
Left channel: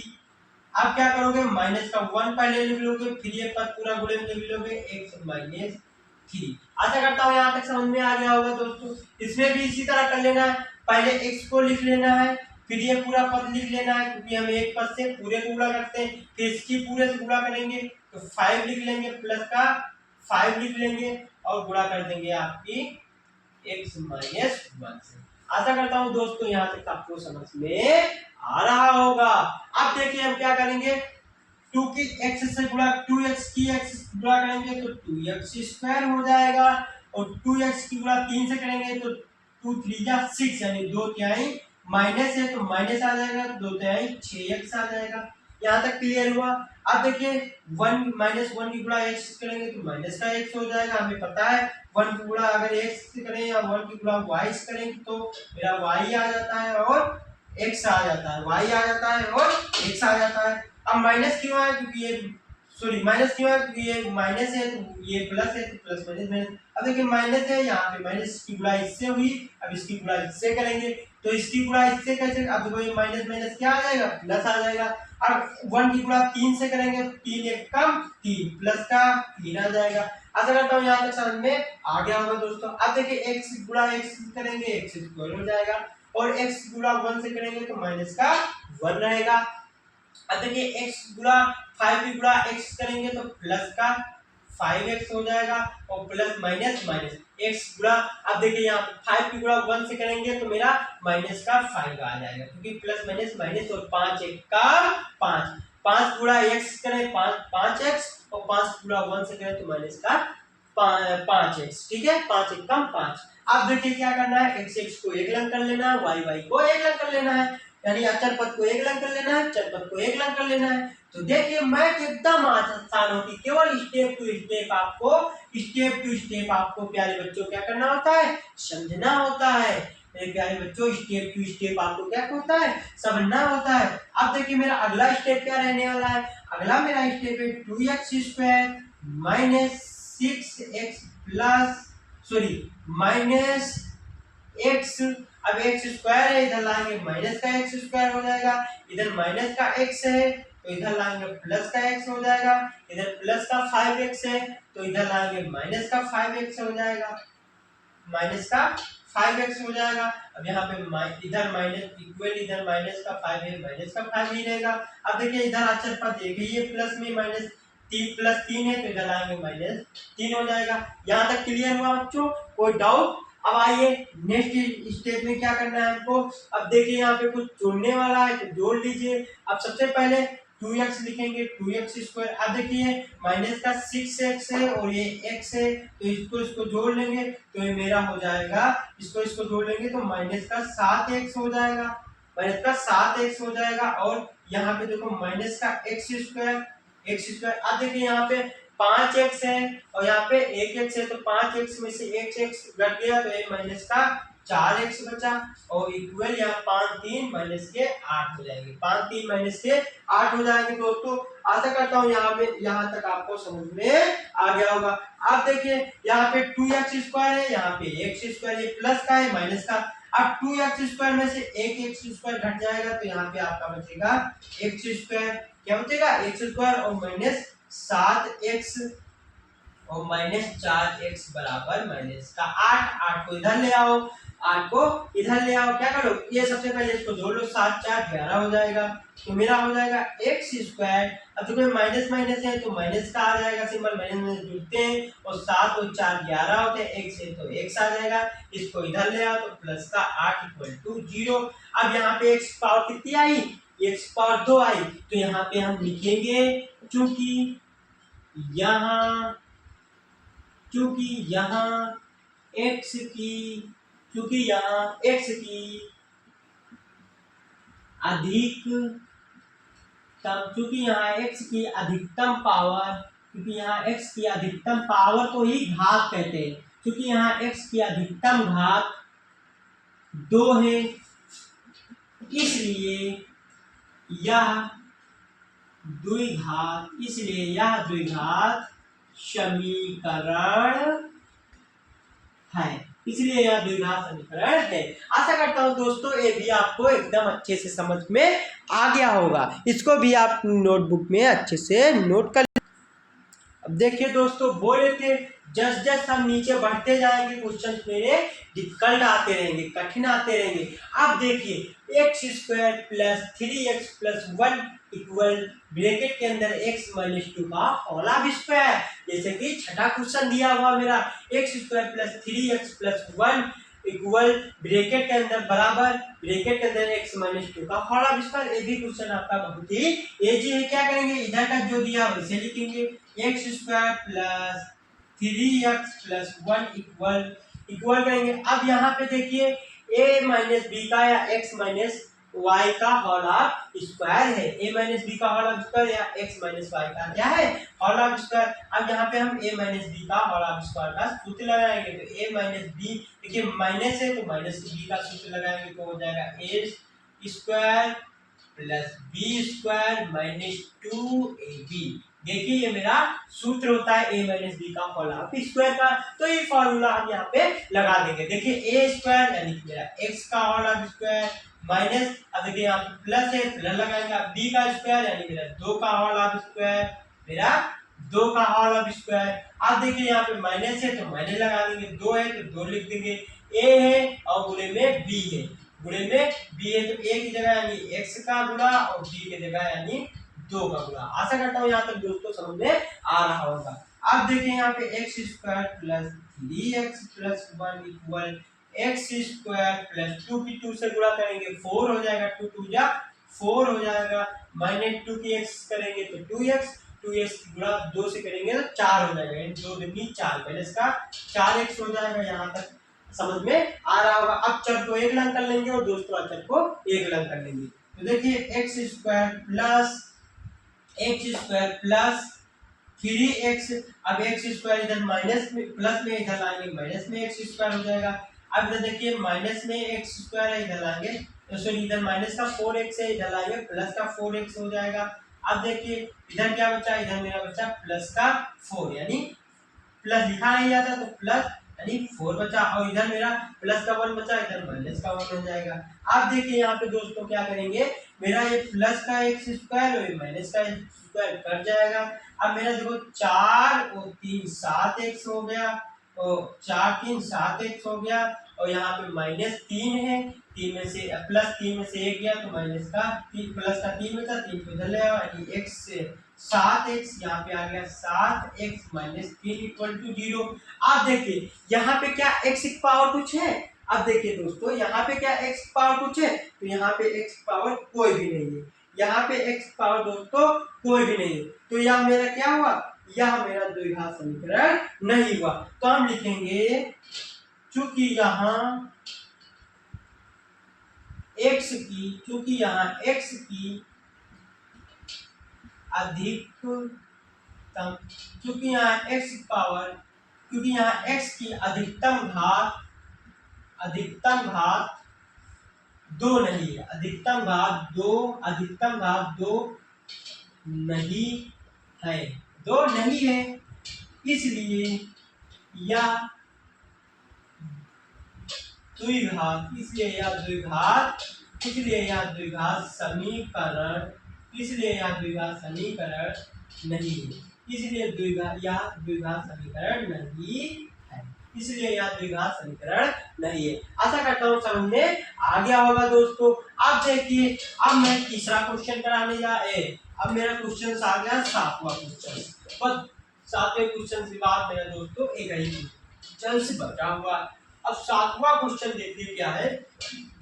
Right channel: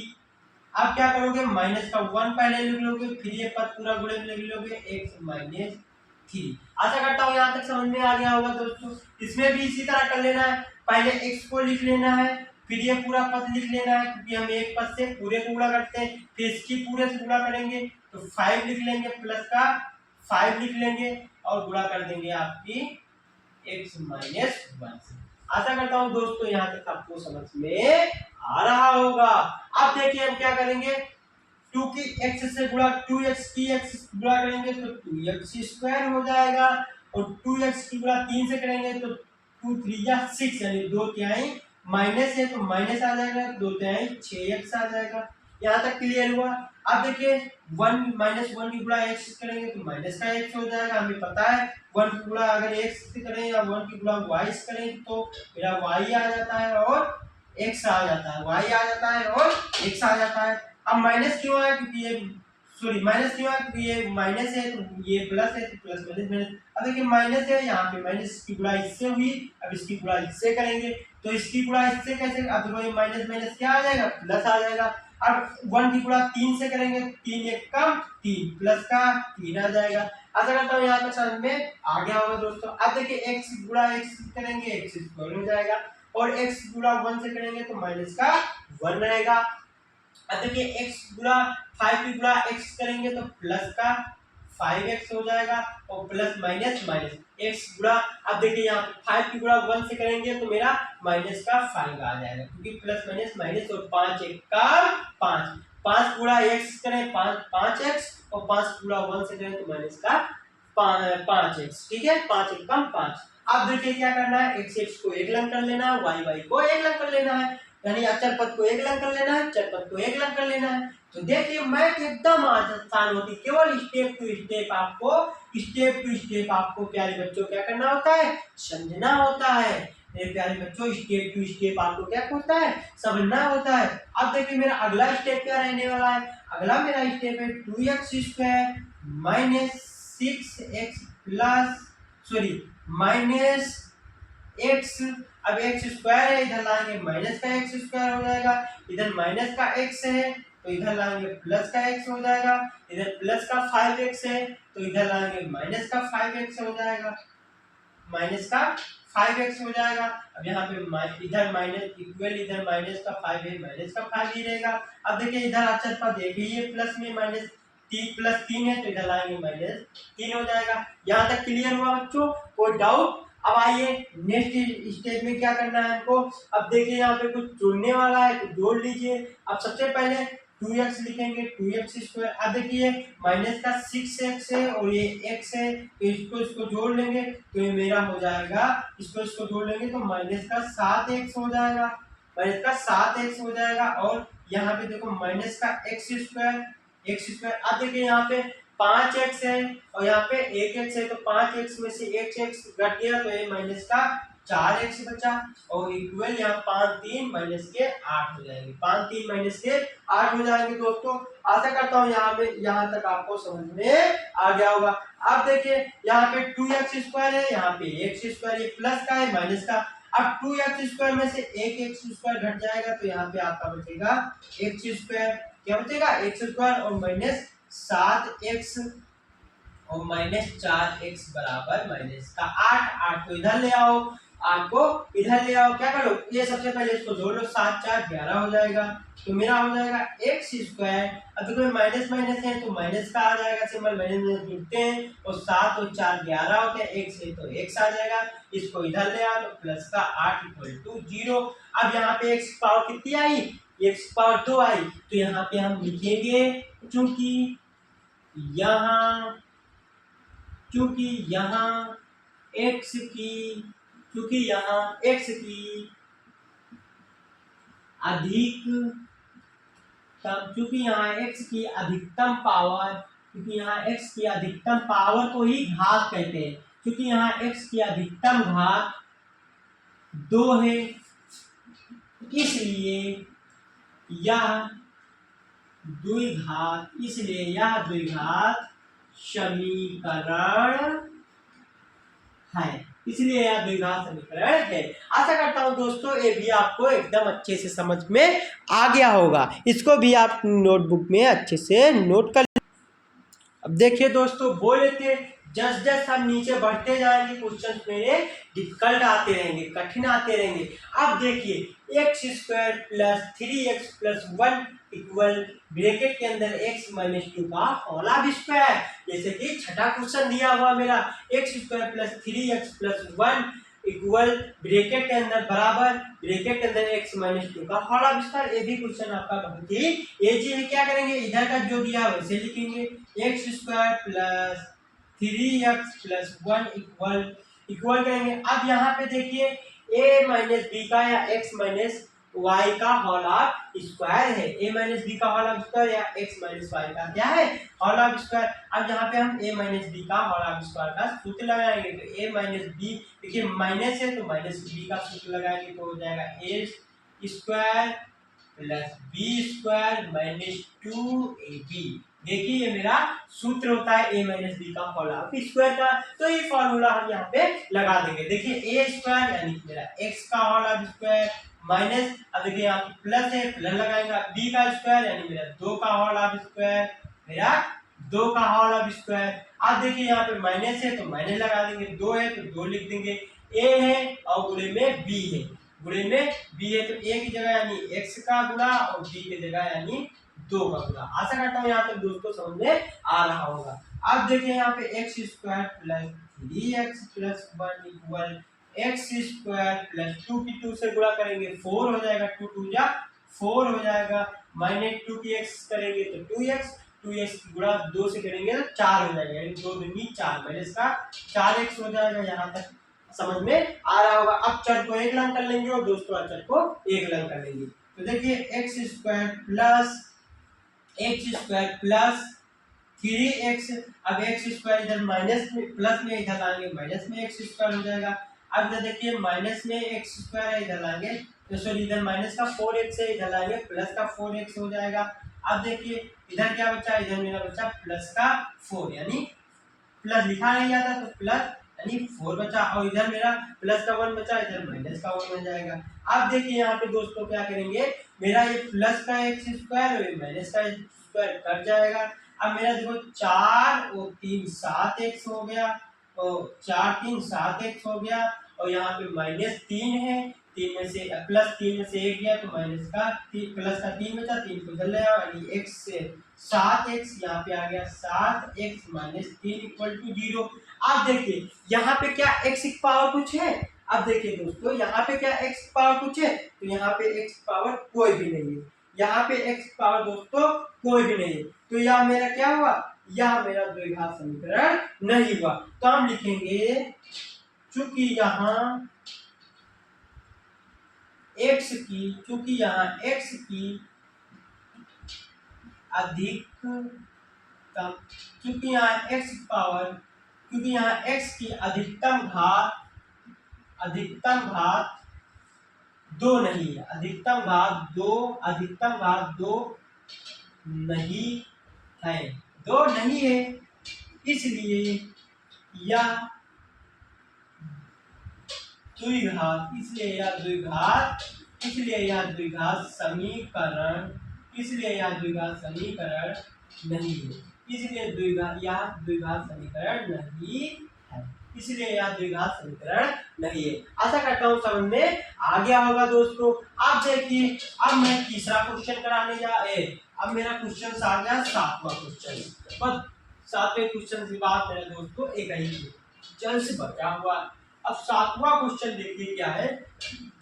अब क्या करोगे, माइनस का 1 पहले लिख लोगे, फिर ये पद पूरा गुणे में लिख लोगे x-3। आशा करता हूँ यहाँ तक समझ में आ गया होगा दोस्तों। इसमें भी इसी तरह कर लेना है, पहले x को लिख लेना है, फिर ये पूरा पद लिख लेना है, क्योंकि हम एक पद से पूरे को गुणा करते हैं, फिर इसकी पूरे से गुणा करेंगे तो 5 लिख लेंगे, प्लस का 5 लिख लेंगे और गुणा कर देंगे आपकी x-1 से। आशा करता हूँ दोस्तों यहाँ तक आपको समझ में आ रहा होगा। अब देखिए हम क्या करेंगे, 2 की x से गुणा, 2x की x से गुणा करेंगे तो 2x² हो जाएगा, और 2x की गुणा 3 से करेंगे तो 2 3 जा 6, यानी 2 तिहाई माइनस है तो माइनस आ जाएगा, 2 तिहाई 6x आ जाएगा। यहाँ तक क्लियर हुआ। अब देखिए 1 -1 की गुणा x से करेंगे तो माइनस का x हो जाएगा, हमें पता है 1 की गुणा अगर x से करें या 1 की गुणा y से करें तो मेरा y आ जाता है और x आ जाता है, y आ जाता है और x आ जाता है। अब माइनस क्यों है, क्योंकि ये माइनस क्यों है, क्योंकि ये माइनस है तो ये प्लस है, तो प्लस माइनस माइनस। अब देखिए माइनस है, यहाँ पे माइनस की गुणा इससे हुई, अब इसकी गुणा इससे करेंगे तो इसकी गुणा इससे कैसे, अब देखो ये माइनस माइनस क्या आ जाएगा, प्लस आ जाएगा। अब 1 की गुणा 3 से करेंगे, 3 एक कम 3, प्लस का 3 आ जाएगा। आशा करता हूँ यहाँ तक समझ में आ गया होगा दोस्तों। अब देखिए x गुणा x करेंगे x² हो जाएगा, और x गुणा 1 से करेंगे तो माइनस का 1 रहेगा। अब देखिए x गुणा 5 की गुणा x करेंगे तो प्लस का 5x हो जाएगा, और प्लस माइनस माइनस x गुणा, अब देखिए यहाँ पे 5 की गुणा 1 से करेंगे तो मेरा माइनस का 5 आ जाएगा, क्योंकि प्लस माइनस माइनस, और 5 एक का 5, 5 गुणा x करें 5x, और 5 गुणा 1 से करें तो माइनस का 5x, ठीक है, 5 एक कम 5। अब देखिए क्या करना है, x को एक लंग कर लेना है, y को एक लंग कर लेना है, यानी अचर पद को एक लंग कर लेना है, चर पद को एक लंग कर लेना है। तो देखिए मैथ एकदम आसान होती, केवल स्टेप टू स्टेप आपको प्यारे बच्चों क्या करना होता है, समझना होता है। मेरे प्यारे बच्चों स्टेप टू स्टेप आपको क्या होता है, समझना होता है। अब देखिए मेरा अगला स्टेप क्या रहने वाला है, अगला मेरा स्टेप है 2x² minus 6x plus minus x। अब x² है, इधर लाएंगे माइनस का x² हो जाएगा, इधर माइनस का x है तो इधर लाएंगे प्लस का x हो जाएगा, इधर प्लस का 5x है तो इधर लाएंगे माइनस का 5x हो जाएगा, माइनस का 5x हो जाएगा। अब यहाँ पे इधर माइनस इक्वल, इधर माइनस का 5 है, माइनस का 5 ही रहेगा। अब देखिए इधर अचर पद एक ही है, प्लस में माइनस 3 प्लस 3 है तो इधर लाएंगे -3 हो जाएगा। यहाँ तक क्लियर हुआ बच्चों, कोई डाउट? अब आइए नेक्स्ट स्टेप में क्या करना है हमको। अब देखिए यहाँ पे कुछ जोड़ने वाला है तो जोड़ लीजिए। अब सबसे पहले 2x लिखेंगे, 2x²। अब देखिए माइनस का 6x है और ये x है, तो इसको जोड़ लेंगे तो ये मेरा हो जाएगा, इसको जोड़ लेंगे तो माइनस का 7x हो जाएगा, माइनस का 7x हो जाएगा। और यहाँ पे देखो माइनस का x²। अब देखिए यहाँ पे 5x है और यहाँ पे 1x है, तो 5x में से 1x घट गया तो ये माइनस का 4x बचा, और इक्वल यहाँ 5 3 माइनस के 8 हो जाएंगे, 5 3 माइनस के 8 हो जाएंगे दोस्तों। आशा करता हूँ यहाँ तक आपको समझ में आ गया होगा। अब देखिए यहाँ पे 2x² है, यहाँ पे x², ये प्लस का है माइनस का। अब 2x² में से 1x² घट जाएगा तो यहाँ पे आपका बचेगा x², क्या बचेगा x² और माइनस 7x। और -4x बराबर -8। 8 को इधर ले आओ, 8 को इधर ले आओ, क्या करो ये सबसे पहले इसको जोड़ लो, 7 4 11 हो जाएगा, तो मेरा हो जाएगा एक्स स्क्वायर। अब देखो माइनस माइनस है तो माइनस का आ जाएगा, सिंबल माइनस में जुड़ते हैं, और 7 और 4 11 होते हैं, एक्स है तो एक्स आ जाएगा, इसको इधर ले आओ तो प्लस का 8 = 0। अब यहाँ पे एक्स पावर कितनी आई, एक्स पावर 2 आई, तो यहाँ पे हम लिखेंगे चूंकि यहाँ x की अधिकतम पावर को ही घात कहते हैं, क्योंकि यहाँ x की अधिकतम घात 2 है, इसलिए यह द्विघात समीकरण है। आशा करता हूँ दोस्तों ये भी आपको एकदम अच्छे से समझ में आ गया होगा, इसको भी आप नोटबुक में अच्छे से नोट कर। अब देखिए दोस्तों, बोले थे जस हम नीचे बढ़ते जाएंगे क्वेश्चन मेरे डिफिकल्ट आते रहेंगे, कठिन आते रहेंगे। अब देखिए x² + 3x + 1 इक्वल ब्रैकेट के अंदर x - 2 का होल स्क्वायर। जैसे कि छठा क्वेश्चन दिया हुआ मेरा x² + 3x + 1 इक्वल ब्रैकेट के अंदर बराबर ब्रैकेट के अंदर x - 2 का होल स्क्वायर। ये भी क्वेश्चन आपका बहुत ही इजी है। क्या करेंगे, इधर का जो दिया वैसे लिखेंगे, x² + 3x + 1 इक्वल करेंगे। अब यहाँ पे देखिए a - b का या x - y का होल स्क्वायर है, a - b का होल स्क्वायर या x - y का क्या है, होल स्क्वायर। अब यहाँ पे हम a - b का होल स्क्वायर का सूत्र लगाएंगे, तो a - b, देखिए माइनस है तो -b का सूत्र लगाएंगे, तो हो जाएगा a² + b² - 2ab। देखिए ये मेरा सूत्र होता है a - b का होल स्क्वायर का, तो ये फॉर्मूला हम यहाँ पे लगा देंगे। देखिए a² यानी कि मेरा x का होल स्क्वायर माइनस, अब देखिए यहाँ पे प्लस है, प्लस लगाएंगे, b का स्क्वायर यानी मेरा 2 का होल स्क्वायर, मेरा 2 का होल स्क्वायर। अब देखिए यहाँ पे माइनस है तो माइनस लगा देंगे, 2 है तो 2 लिख देंगे, a है और गुणे में b है, गुणे में b है तो a की जगह यानी x का गुणा और b की जगह यानी 2 का गुणा। आशा करता हूँ यहाँ तक दोस्तों समझ में आ रहा होगा। अब देखिए यहाँ पे x² + 3x + 1 इक्वल x² + 2 की 2 से गुणा करेंगे 4 हो जाएगा, 2 2 जा 4 हो जाएगा, -2 की x करेंगे तो 2x, 2x की गुणा 2 से करेंगे तो 4 हो जाएगा, यानी 2 दूनी 4 माइनस का 4x हो जाएगा। यहाँ तक समझ में आ रहा होगा। अब चर को एक लंग कर लेंगे और दोस्तों अचर को एक लंग कर लेंगे, तो देखिए x² + 3x, अब x² इधर माइनस में प्लस में इधर लाएंगे माइनस में x² हो जाएगा। अब इधर देखिए माइनस में x² है, इधर लाएंगे तो सॉरी इधर माइनस का 4x है, इधर लाएंगे प्लस का 4x हो जाएगा। अब देखिए इधर क्या बचा, इधर मेरा बचा प्लस का 4, यानी प्लस लिखा नहीं जाता तो प्लस यानी 4 बचा, और इधर मेरा प्लस का 1 बचा, इधर माइनस का 1 हो जाएगा। अब देखिए यहाँ पे दोस्तों क्या करेंगे, मेरा ये प्लस का x² और माइनस का x² कट जाएगा। अब मेरा देखो 4 और 3 7x हो गया, और 4 3 7x हो गया, और यहाँ पे -3 है, 3 में से प्लस 3 में से 1 गया तो माइनस का 3 प्लस का 3 बचा, 3 को इधर ले आओ यानी x से 7x, यहाँ पे आ गया 7x - 3 = 0। अब देखिए यहाँ पे क्या x की पावर कुछ है, अब देखिए दोस्तों यहाँ पे क्या x की पावर कुछ है, तो यहाँ पे x की पावर कोई भी नहीं है, यहाँ पे x की पावर दोस्तों कोई भी नहीं है, तो यह मेरा क्या हुआ, यह मेरा द्विघात समीकरण नहीं हुआ। तो हम लिखेंगे चूंकि यहाँ x की अधिकतम, क्योंकि यहाँ x की अधिकतम घात 2 नहीं है, अधिकतम घात 2 नहीं है, इसलिए यह द्विघात समीकरण नहीं है। इसलिए द्विघात यह द्विघात समीकरण नहीं है, इसलिए यह द्विघात समीकरण नहीं है। आशा करता हूँ समझ में आ गया होगा दोस्तों। अब देखिए, अब मैं तीसरा क्वेश्चन कराने अब मेरा क्वेश्चन आ गया 7वां क्वेश्चन। बस 7वें क्वेश्चन के बाद मेरा दोस्तों एक ही जल्द से बचा हुआ। अब 7वां क्वेश्चन देखिए क्या है,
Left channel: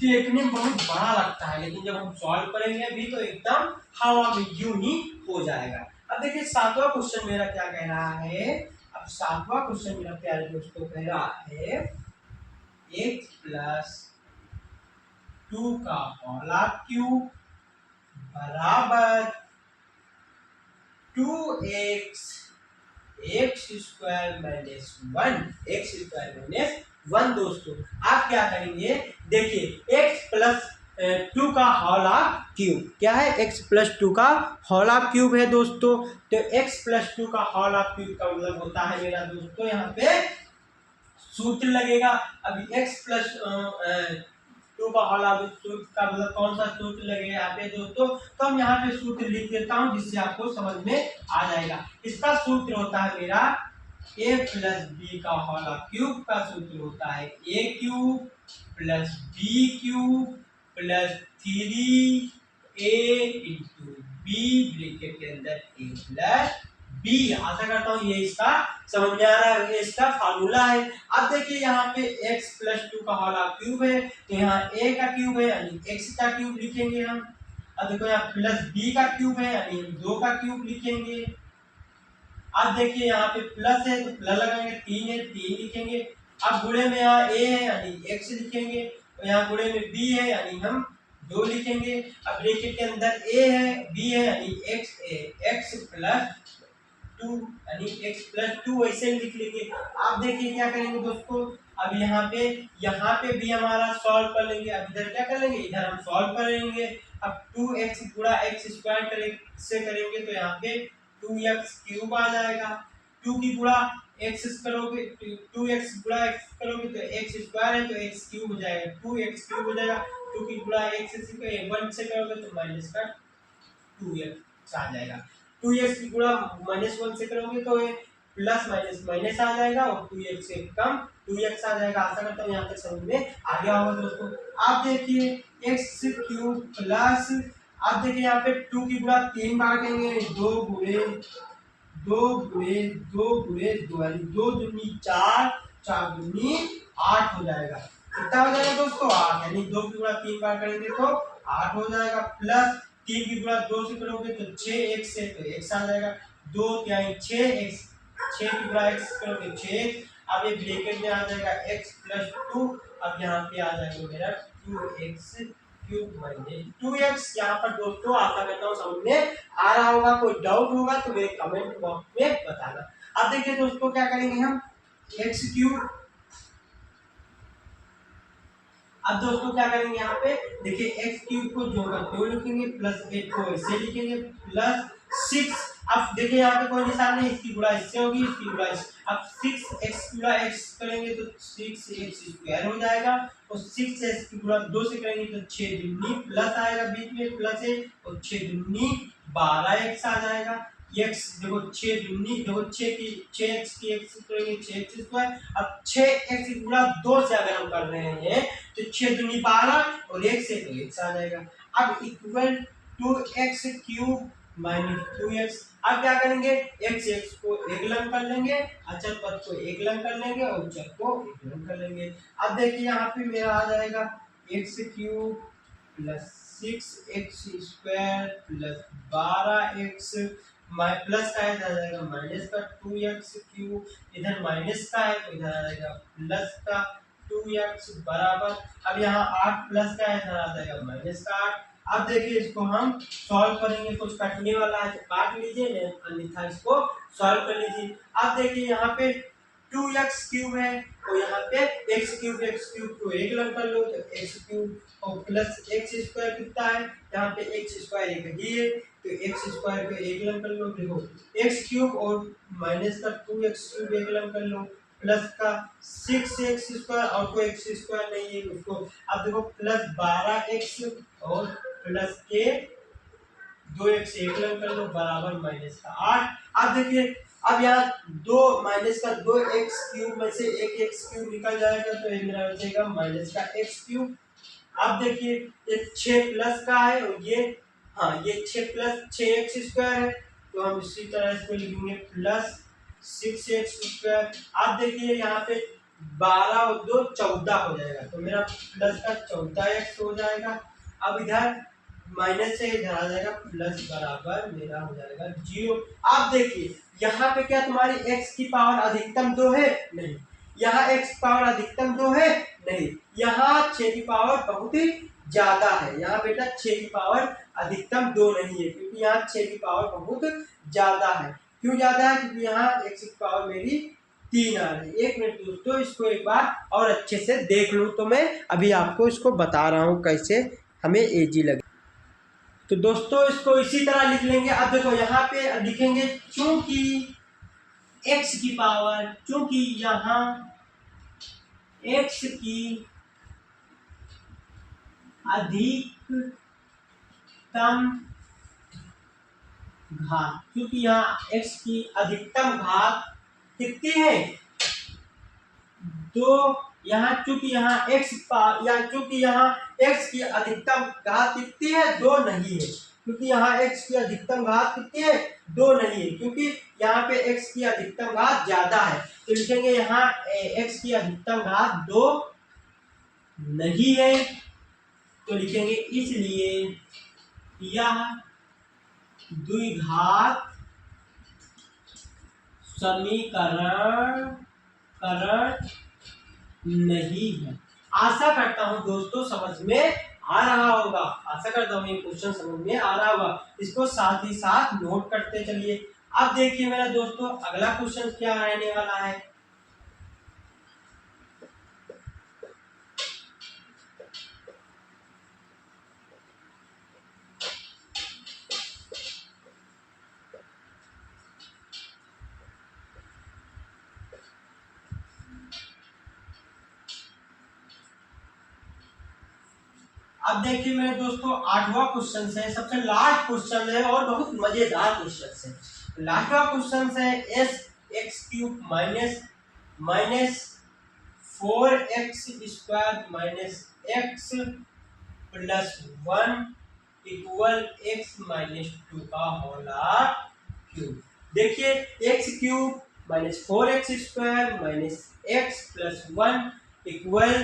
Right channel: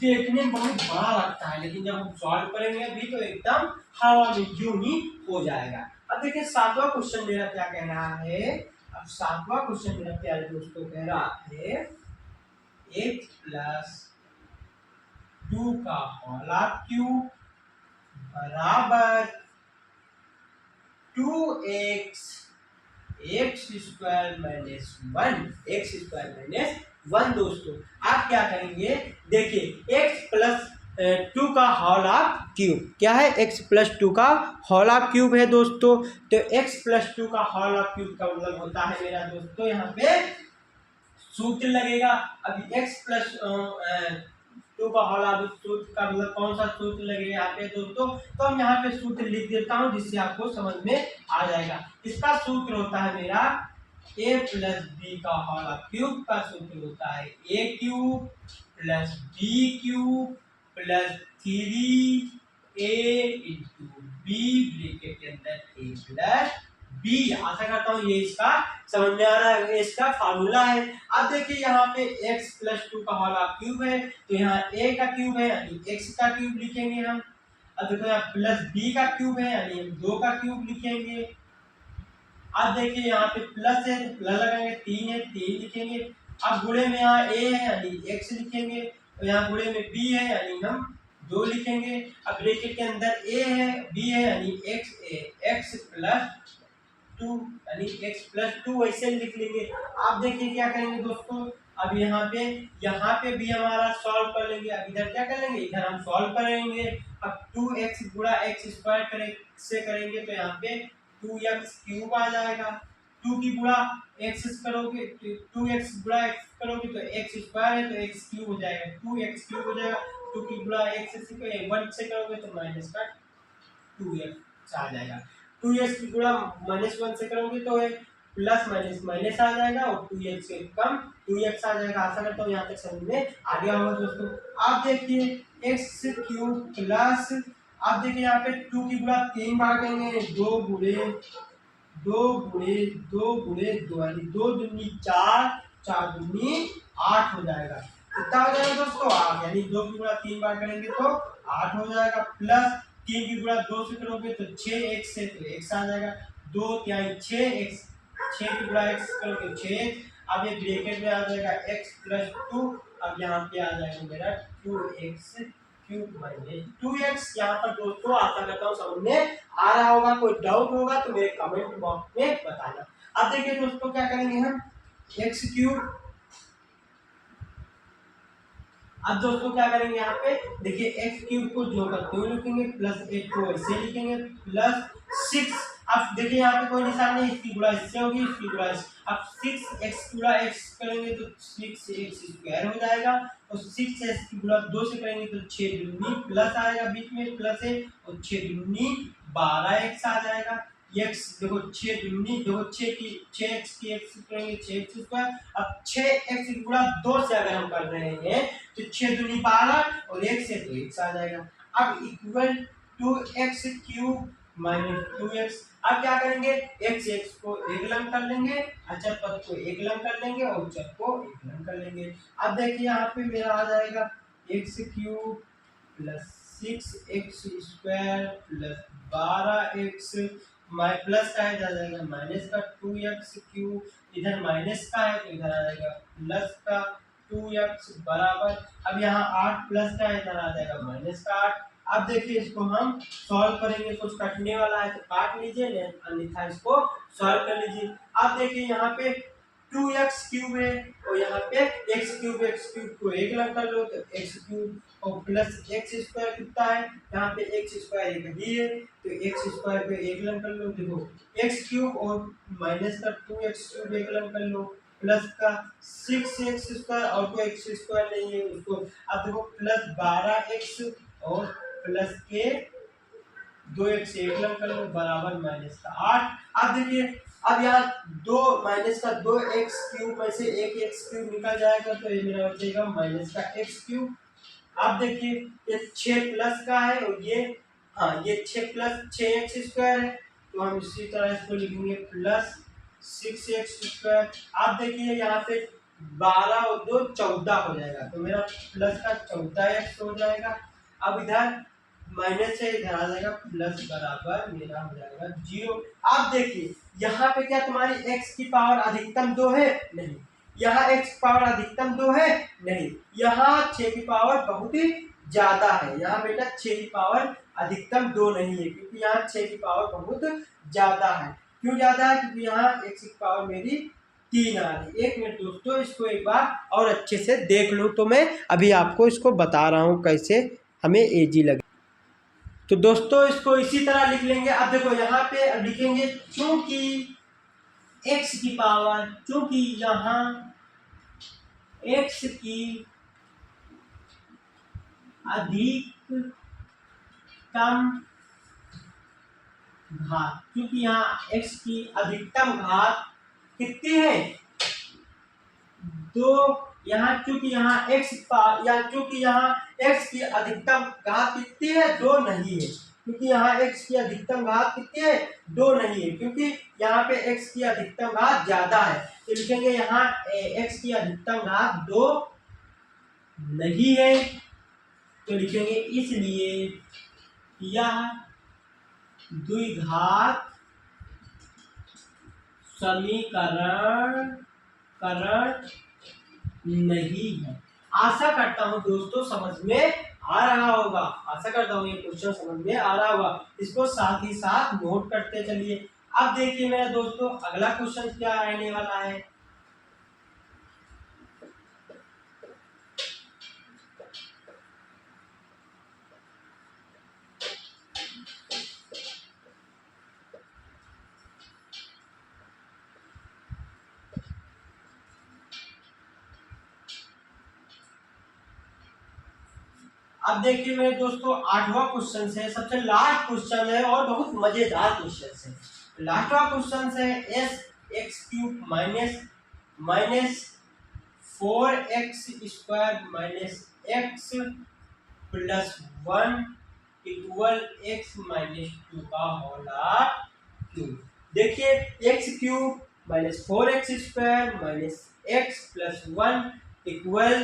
देखने में बहुत बड़ा लगता है लेकिन जब हम सॉल्व करेंगे भी तो एकदम हवा में यूं ही हो जाएगा। अब देखिए 7वां क्वेश्चन मेरा क्या कह रहा है। अब 7वां क्वेश्चन मेरा प्यारे दोस्तों कह रहा है x प्लस 2 का होल क्यूब बराबर 2x एक्स स्क्वायर माइनस 1 दोस्तों। आप क्या करेंगे, देखिए x प्लस 2 का होल क्यूब क्या है, x प्लस 2 का होल क्यूब है दोस्तों। तो x प्लस 2 का होल क्यूब का मतलब होता है मेरा दोस्तों यहाँ पे सूत्र लगेगा। अभी x प्लस 2 का होल सूत्र का मतलब कौन सा सूत्र लगेगा यहाँ पे दोस्तों, तो हम यहाँ पे सूत्र लिख देता हूँ जिससे आपको समझ में आ जाएगा। इसका सूत्र होता है मेरा a प्लस बी का होल क्यूब का सूत्र होता है a cube plus B cube plus 3a into B bracket के अंदर a प्लस बी। आशा करता हूँ ये इसका समझ में आ रहा है, ये इसका फार्मूला है। अब देखिए यहाँ पे x प्लस 2 का होल क्यूब है तो यहाँ a का क्यूब है यानी x का क्यूब लिखेंगे हम। अब देखो यहाँ प्लस b का क्यूब है यानी हम 2 का क्यूब लिखेंगे। अब देखिए यहाँ पे प्लस है तो प्लस लगाएंगे, 3 है 3 लिखेंगे। अब गुणे में यहाँ a है यानी x लिखेंगे, तो यहाँ गुणे में b है यानी हम 2 लिखेंगे। अब ब्रैकेट के अंदर a है b है यानी x प्लस 2 यानी x प्लस 2 वैसे लिख लेंगे। आप देखिए क्या करेंगे दोस्तों, अब यहाँ पे भी हमारा सॉल्व कर लेंगे। अब इधर क्या कर लेंगे, इधर हम सॉल्व करेंगे। अब 2x गुणा x स्क्वायर से करेंगे तो यहाँ पे 2x क्यूब आ जाएगा। 2 की गुणा x करोगे 2x गुणा x करोगे तो x स्क्वायर है तो x क्यूब हो जाएगा, 2x क्यूब हो जाएगा। 2 की गुणा x से 1 से करोगे तो माइनस का 2x आ जाएगा। 2x की गुणा -1 से करोगे तो प्लस माइनस माइनस आ जाएगा और 2x से कम 2x आ जाएगा। आशा करता हूँ यहाँ तक समझ में आ गया होगा दोस्तों। आप देखिए x क्यूब प्लस, आप देखिए यहाँ पे 2 की गुणा 3 बार करेंगे, 2 गुणे 2 गुणे 2 गुणे 2 यानी 2 दूनी 4, 4 दूनी 8 हो जाएगा। कितना हो जाएगा दोस्तों, 8 यानी 2 की गुणा 3 बार करेंगे तो 8 हो जाएगा। प्लस 3 की गुणा 2 से करोगे तो 6x से तो x आ जाएगा, 2 यानी 6x, 6 की गुणा x करोगे 6x। अब ये ब्रैकेट में आ जाएगा x प्लस 2। अब यहाँ पे आ जाएगा मेरा 2x क्यूब माइनस 2x। यहाँ पर दोस्तों आशा करता हूँ समझ में आ रहा होगा, कोई डाउट होगा तो मेरे कमेंट बॉक्स में बताना। अब देखिए दोस्तों क्या करेंगे हम, x क्यूब, अब दोस्तों क्या करेंगे यहाँ पे देखिए x क्यूब को जो का त्यों लिखेंगे, प्लस 8 को ऐसे लिखेंगे, प्लस 6। अब देखिए यहाँ पे कोई निशान नहीं, इसकी गुणा इससे होगी, इसकी गुणा अब 6x गुणा x करेंगे तो 6x स्क्वायर हो जाएगा और 6x की गुणा 2 से करेंगे तो 6 दूनी प्लस आएगा, बीच में प्लस है और 6 दूनी 12x आ जाएगा। x देखो 6 दूनी देखो 6x की x करेंगे 6x स्क्वायर। अब 6x गुणा 2 से अगर हम कर रहे हैं तो 6 दूनी 12 और 1 से तो x आ जाएगा। अब equal to x cube minus 2x। अब क्या करेंगे, x को एक लंग कर लेंगे, अचर पद को एक लंग कर लेंगे और चर को एक लंग कर लेंगे। अब देखिए यहाँ पे मेरा आ जाएगा x cube plus 6x square plus 12x plus का है तो आ जाएगा माइनस का 2x क्यूब, इधर माइनस का है तो इधर आ जाएगा प्लस का 2x बराबर। अब यहाँ 8 प्लस का है इधर आ जाएगा माइनस का 8। अब देखिए इसको हम सॉल्व करेंगे, कुछ कटने वाला है तो काट लीजिए, अन्यथा इसको सॉल्व कर लीजिए। अब देखिए यहाँ पे 2x क्यूब है और यहाँ पे x क्यूब को एक लग कर लो तो x क्यूब और प्लस x स्क्वायर कितना है, यहाँ पे x स्क्वायर एक ही है तो x स्क्वायर को एक लग कर लो। देखो x क्यूब और माइनस का 2x क्यूब एक लग कर लो, प्लस का 6x स्क्वायर और कोई x स्क्वायर नहीं है उसको। अब देखो प्लस 12x और प्लस के 2x 1 लग कर लो बराबर -8। अब देखिए अब यहाँ 2 में से एक x³ निकल जाएगा तो ये मेरा बचेगा -x³। अब देखिए ये 6 प्लस का है और ये हाँ ये 6 प्लस 6x² है, तो हम इसी तरह इसको लिखेंगे प्लस 6x²। अब देखिए यहाँ पे 12 और 2 14 हो जाएगा, तो मेरा प्लस का 14x हो जाएगा। अब इधर माइनस से इधर आ जाएगा प्लस बराबर मेरा हो जाएगा 0। अब देखिए यहाँ पे क्या तुम्हारी x की पावर अधिकतम 2 है? नहीं। यहाँ x पावर अधिकतम 2 है? नहीं। यहाँ 6 की पावर बहुत ही ज्यादा है। यहाँ बेटा 6 की पावर अधिकतम 2 नहीं है, क्योंकि यहाँ 6 की पावर बहुत ज्यादा है। क्यों ज्यादा है? क्योंकि यहाँ x की पावर मेरी 3 आ रही है। 1 मिनट दोस्तों, इसको एक बार और अच्छे से देख लो, तो मैं अभी आपको इसको बता रहा हूँ कैसे हमें एजी लगे। तो दोस्तों इसको इसी तरह लिख लेंगे। अब देखो यहाँ पे लिखेंगे चूंकि x की पावर, चूंकि यहाँ x की अधिकतम घात, क्योंकि यहाँ x की अधिकतम घात कितनी है? 2। यहाँ चूंकि यहाँ चूंकि यहाँ x की अधिकतम घात कितनी है? 2 नहीं है, क्योंकि यहाँ x की अधिकतम घात कितनी है? 2 नहीं है, क्योंकि यहाँ पे x की अधिकतम घात ज्यादा है। तो लिखेंगे यहाँ x की अधिकतम घात 2 नहीं है, तो लिखेंगे इसलिए यह द्विघात समीकरण नहीं है। आशा करता हूं दोस्तों समझ में आ रहा होगा। आशा करता हूं ये क्वेश्चन समझ में आ रहा होगा। इसको साथ ही साथ नोट करते चलिए। अब देखिए मेरा दोस्तों अगला क्वेश्चन क्या रहने वाला है। अब देखिए मेरे दोस्तों 8वां क्वेश्चन है, सबसे लास्ट क्वेश्चन है और बहुत मजेदार क्वेश्चन है। लास्टवा क्वेश्चन है x³ minus 4x² minus x plus 1 equal x -2 का होल क्यूब। देखिए x³ minus 4x² minus x plus 1 equal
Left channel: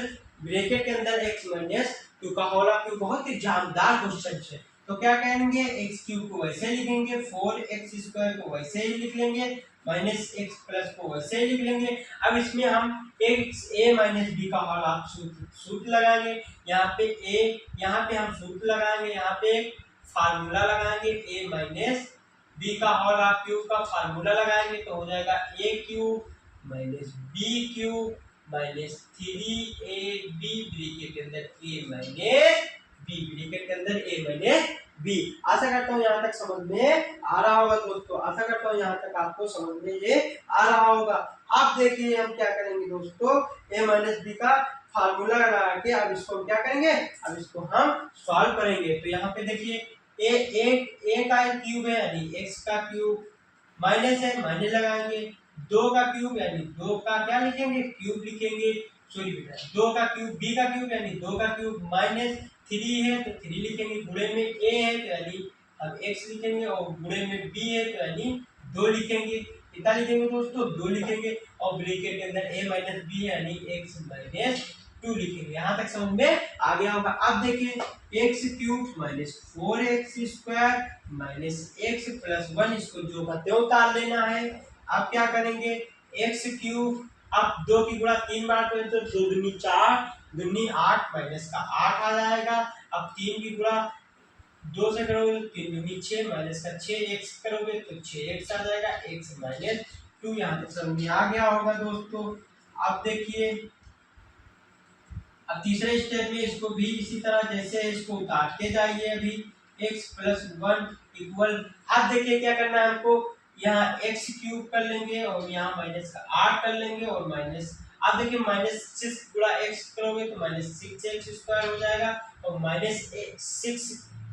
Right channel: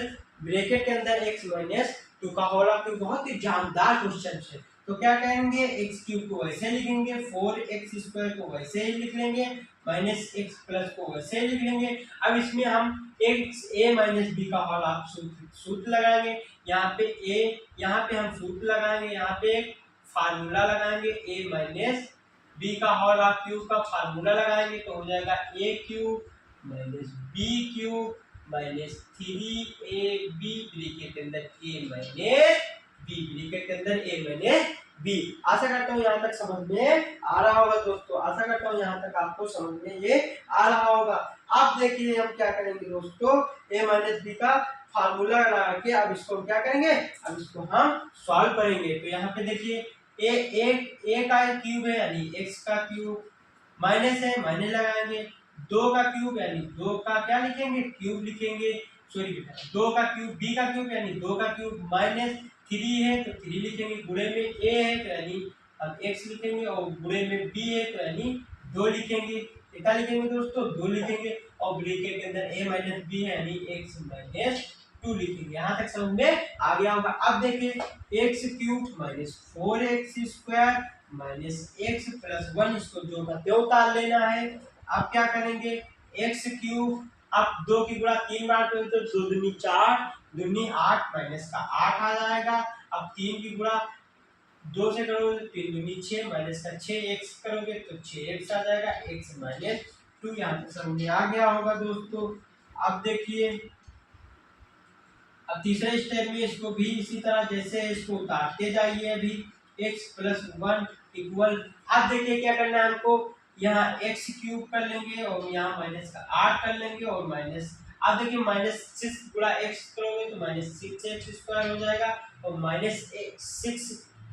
bracket के अंदर x -2 का होल क्यूब। बहुत ही जानदार क्वेश्चन है। तो क्या कहेंगे, x³ को वैसे लिखेंगे, 4x² को वैसे ही लिख लेंगे, माइनस x प्लस को वैसे ही लिख लेंगे। अब इसमें हम a माइनस b का होल आप सूत्र लगाएंगे। यहाँ पे हम सूत्र लगाएंगे, यहाँ पे एक फार्मूला लगाएंगे, a माइनस b का होल क्यूब का फार्मूला लगाएंगे, तो हो जाएगा a³ minus b³ minus 3ab bracket के अंदर a माइनस b, ब्रैकेट के अंदर a माइनस b। आशा करता हूँ यहाँ तक समझ में आ रहा होगा दोस्तों। आशा करता हूँ यहाँ तक आपको समझ में ये आ रहा होगा। अब देखिए हम क्या करेंगे दोस्तों, a माइनस b का फार्मूला लगा के अब इसको हम क्या करेंगे, अब इसको हम सॉल्व करेंगे। तो यहाँ पे देखिए a का क्यूब है यानी x का क्यूब, माइनस है माइनस लगाएंगे, 2 का क्यूब यानी 2 का क्या लिखेंगे, क्यूब लिखेंगे। सॉरी बेटा 2 का क्यूब b का क्यूब यानी 2 का क्यूब, माइनस 3 है तो 3 लिखेंगे, गुणे में a है तो यानी अब x लिखेंगे, और गुणे में b है तो यानी 2 लिखेंगे। कितना लिखेंगे दोस्तों, 2 लिखेंगे, और ब्रैकेट के अंदर a माइनस b है यानी x माइनस 2 लिखेंगे। यहाँ तक समझ में आ गया होगा। अब देखिए x³ minus 4x² minus x plus 1 इसको जो का त्यों उतार लेना है। अब क्या करेंगे, x³ अब 2 की गुणा 3 बार करें तो 2 दूनी 4 दूनी 8 माइनस का 8 आ जाएगा। अब 3 की गुणा 2 से करोगे तो 3 दूनी 6 माइनस का 6x करोगे तो 6x आ जाएगा, x माइनस 2। यहाँ तक समझ में आ गया होगा दोस्तों। अब देखिए अब तीसरे स्टेप में इसको भी इसी तरह जैसे इसको उतारते जाइए। अभी x प्लस 1 इक्वल, अब देखिए क्या करना है हमको, यहाँ x³ कर लेंगे और यहाँ माइनस का 8 कर लेंगे और माइनस, अब देखिए माइनस 6 गुणा x करोगे तो माइनस 6x² हो जाएगा, और माइनस 6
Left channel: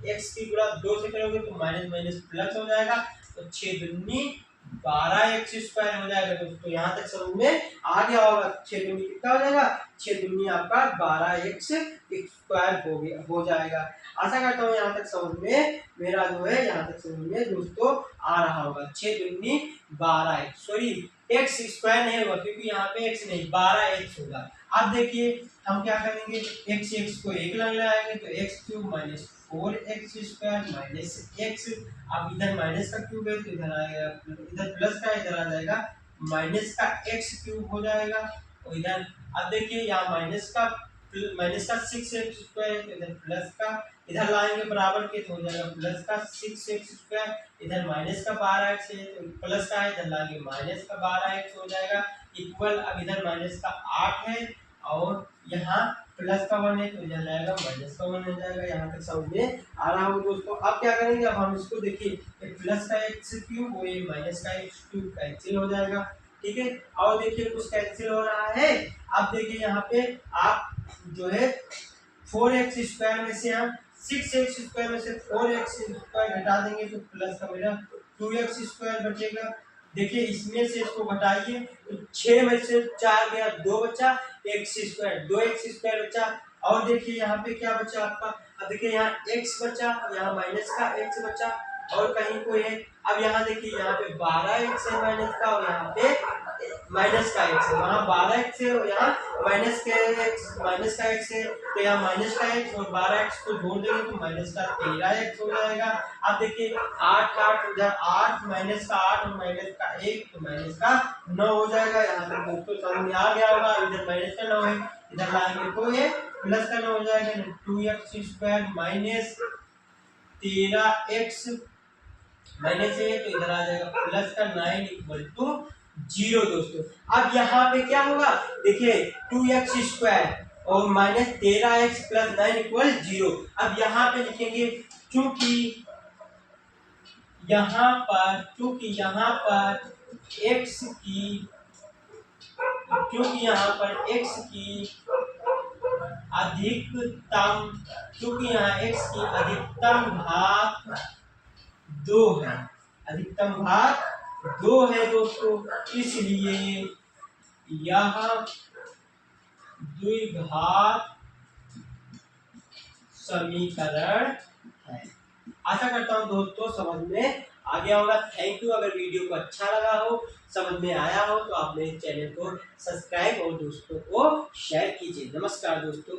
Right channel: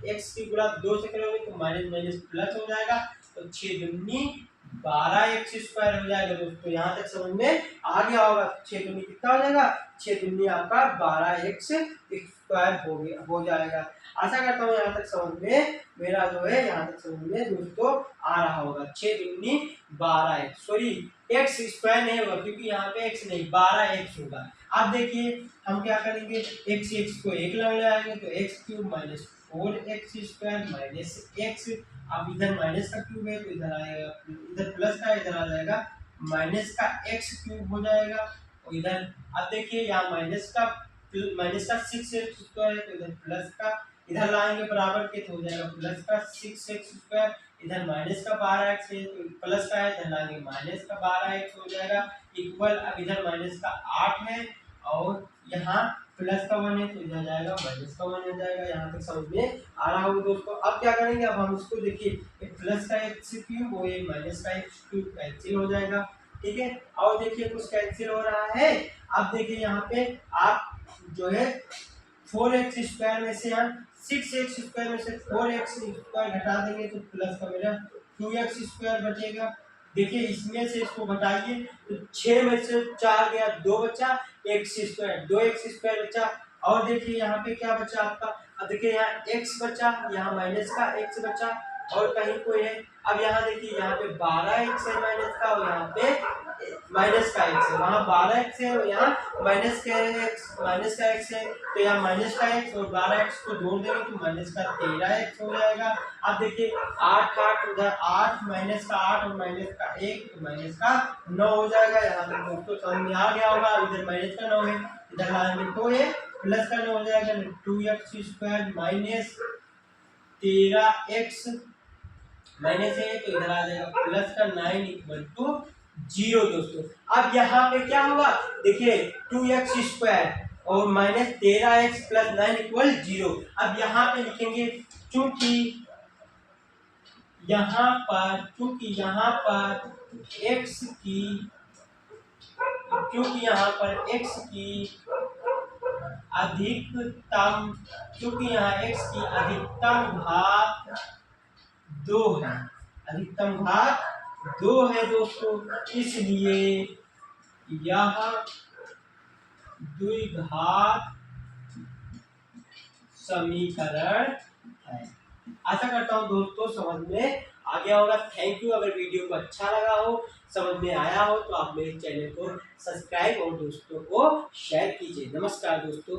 x की गुणा 2 से करोगे तो माइनस माइनस प्लस हो जाएगा, तो 6 दूनी 12x स्क्वायर हो जाएगा दोस्तों। यहाँ तक समझ में आ गया होगा। 6 दूनी कितना हो जाएगा, 6 दूनी आपका 12x स्क्वायर हो जाएगा। आशा करता हूँ यहाँ तक समझ में मेरा जो है यहाँ तक समझ में दोस्तों आ रहा होगा। 6 दूनी 12x, सॉरी x स्क्वायर नहीं होगा क्योंकि यहाँ पे x नहीं 12x होगा। अब देखिए हम क्या करेंगे, x को एक ले आएंगे तो x cube minus 4x square minus x, अब इधर माइनस का क्यूब है तो इधर आएगा, इधर प्लस का इधर आ जाएगा माइनस का x क्यूब हो जाएगा, और इधर अब देखिए यहाँ माइनस का 6x स्क्वायर है तो इधर प्लस का इधर लाएंगे बराबर के तो हो जाएगा प्लस का 6x स्क्वायर, इधर माइनस का 12x है तो प्लस का है इधर लाएंगे माइनस का 12x हो जाएगा इक्वल, अब इधर माइनस का 8 है और यहाँ प्लस का 1 है तो इधर जाएगा माइनस का 1 हो जाएगा। यहाँ तक समझ में आ रहा होगा दोस्तों। अब क्या करेंगे, अब हम इसको देखिए प्लस का x क्यूब और माइनस का x क्यूब कैंसिल हो जाएगा, ठीक है। और देखिए कुछ कैंसिल हो रहा है। अब देखिए यहाँ पे आप जो है 4x स्क्वायर में से हम 6x स्क्वायर में से 4x स्क्वायर घटा देंगे तो प्लस का मेरा 2x स्क्वायर बचेगा। देखिए इसमें से इसको घटाइए तो 6 में से 4 गया 2 बचा x स्क्वायर, 2x स्क्वायर बचा। और देखिए यहाँ पे क्या बचा आपका, अब देखिए यहाँ x बचा, यहाँ माइनस का x बचा और कहीं कोई है। अब यहाँ देखिए यहाँ पे 12x है माइनस का और यहाँ पे माइनस का x है, वहाँ 12x है और यहाँ माइनस का x है, तो यहाँ माइनस का x और 12x को जोड़ देंगे तो माइनस का 13x हो जाएगा। अब देखिए 8 उधर 8 माइनस का 8 और माइनस का 1 तो माइनस का 9 हो जाएगा। यहाँ तक दोस्तों समझ में आ गया होगा। इधर माइनस का 9 है इधर लाएंगे तो ये प्लस का 9 हो जाएगा, 2x square minus 13x minus है तो इधर आ जाएगा प्लस का 9 इक्वल टू 0 दोस्तों। अब यहाँ पे क्या होगा, देखिए 2x स्क्वायर और माइनस 13x प्लस 9 इक्वल 0। अब यहाँ पे लिखेंगे क्योंकि यहाँ पर x की अधिकतम घात 2 है, अधिकतम घात 2 है दोस्तों, इसलिए यह द्विघात समीकरण है। आशा करता हूँ दोस्तों समझ में आ गया होगा। Thank you. अगर वीडियो को अच्छा लगा हो, समझ में आया हो तो आप मेरे चैनल को सब्सक्राइब और दोस्तों को शेयर कीजिए। नमस्कार दोस्तों।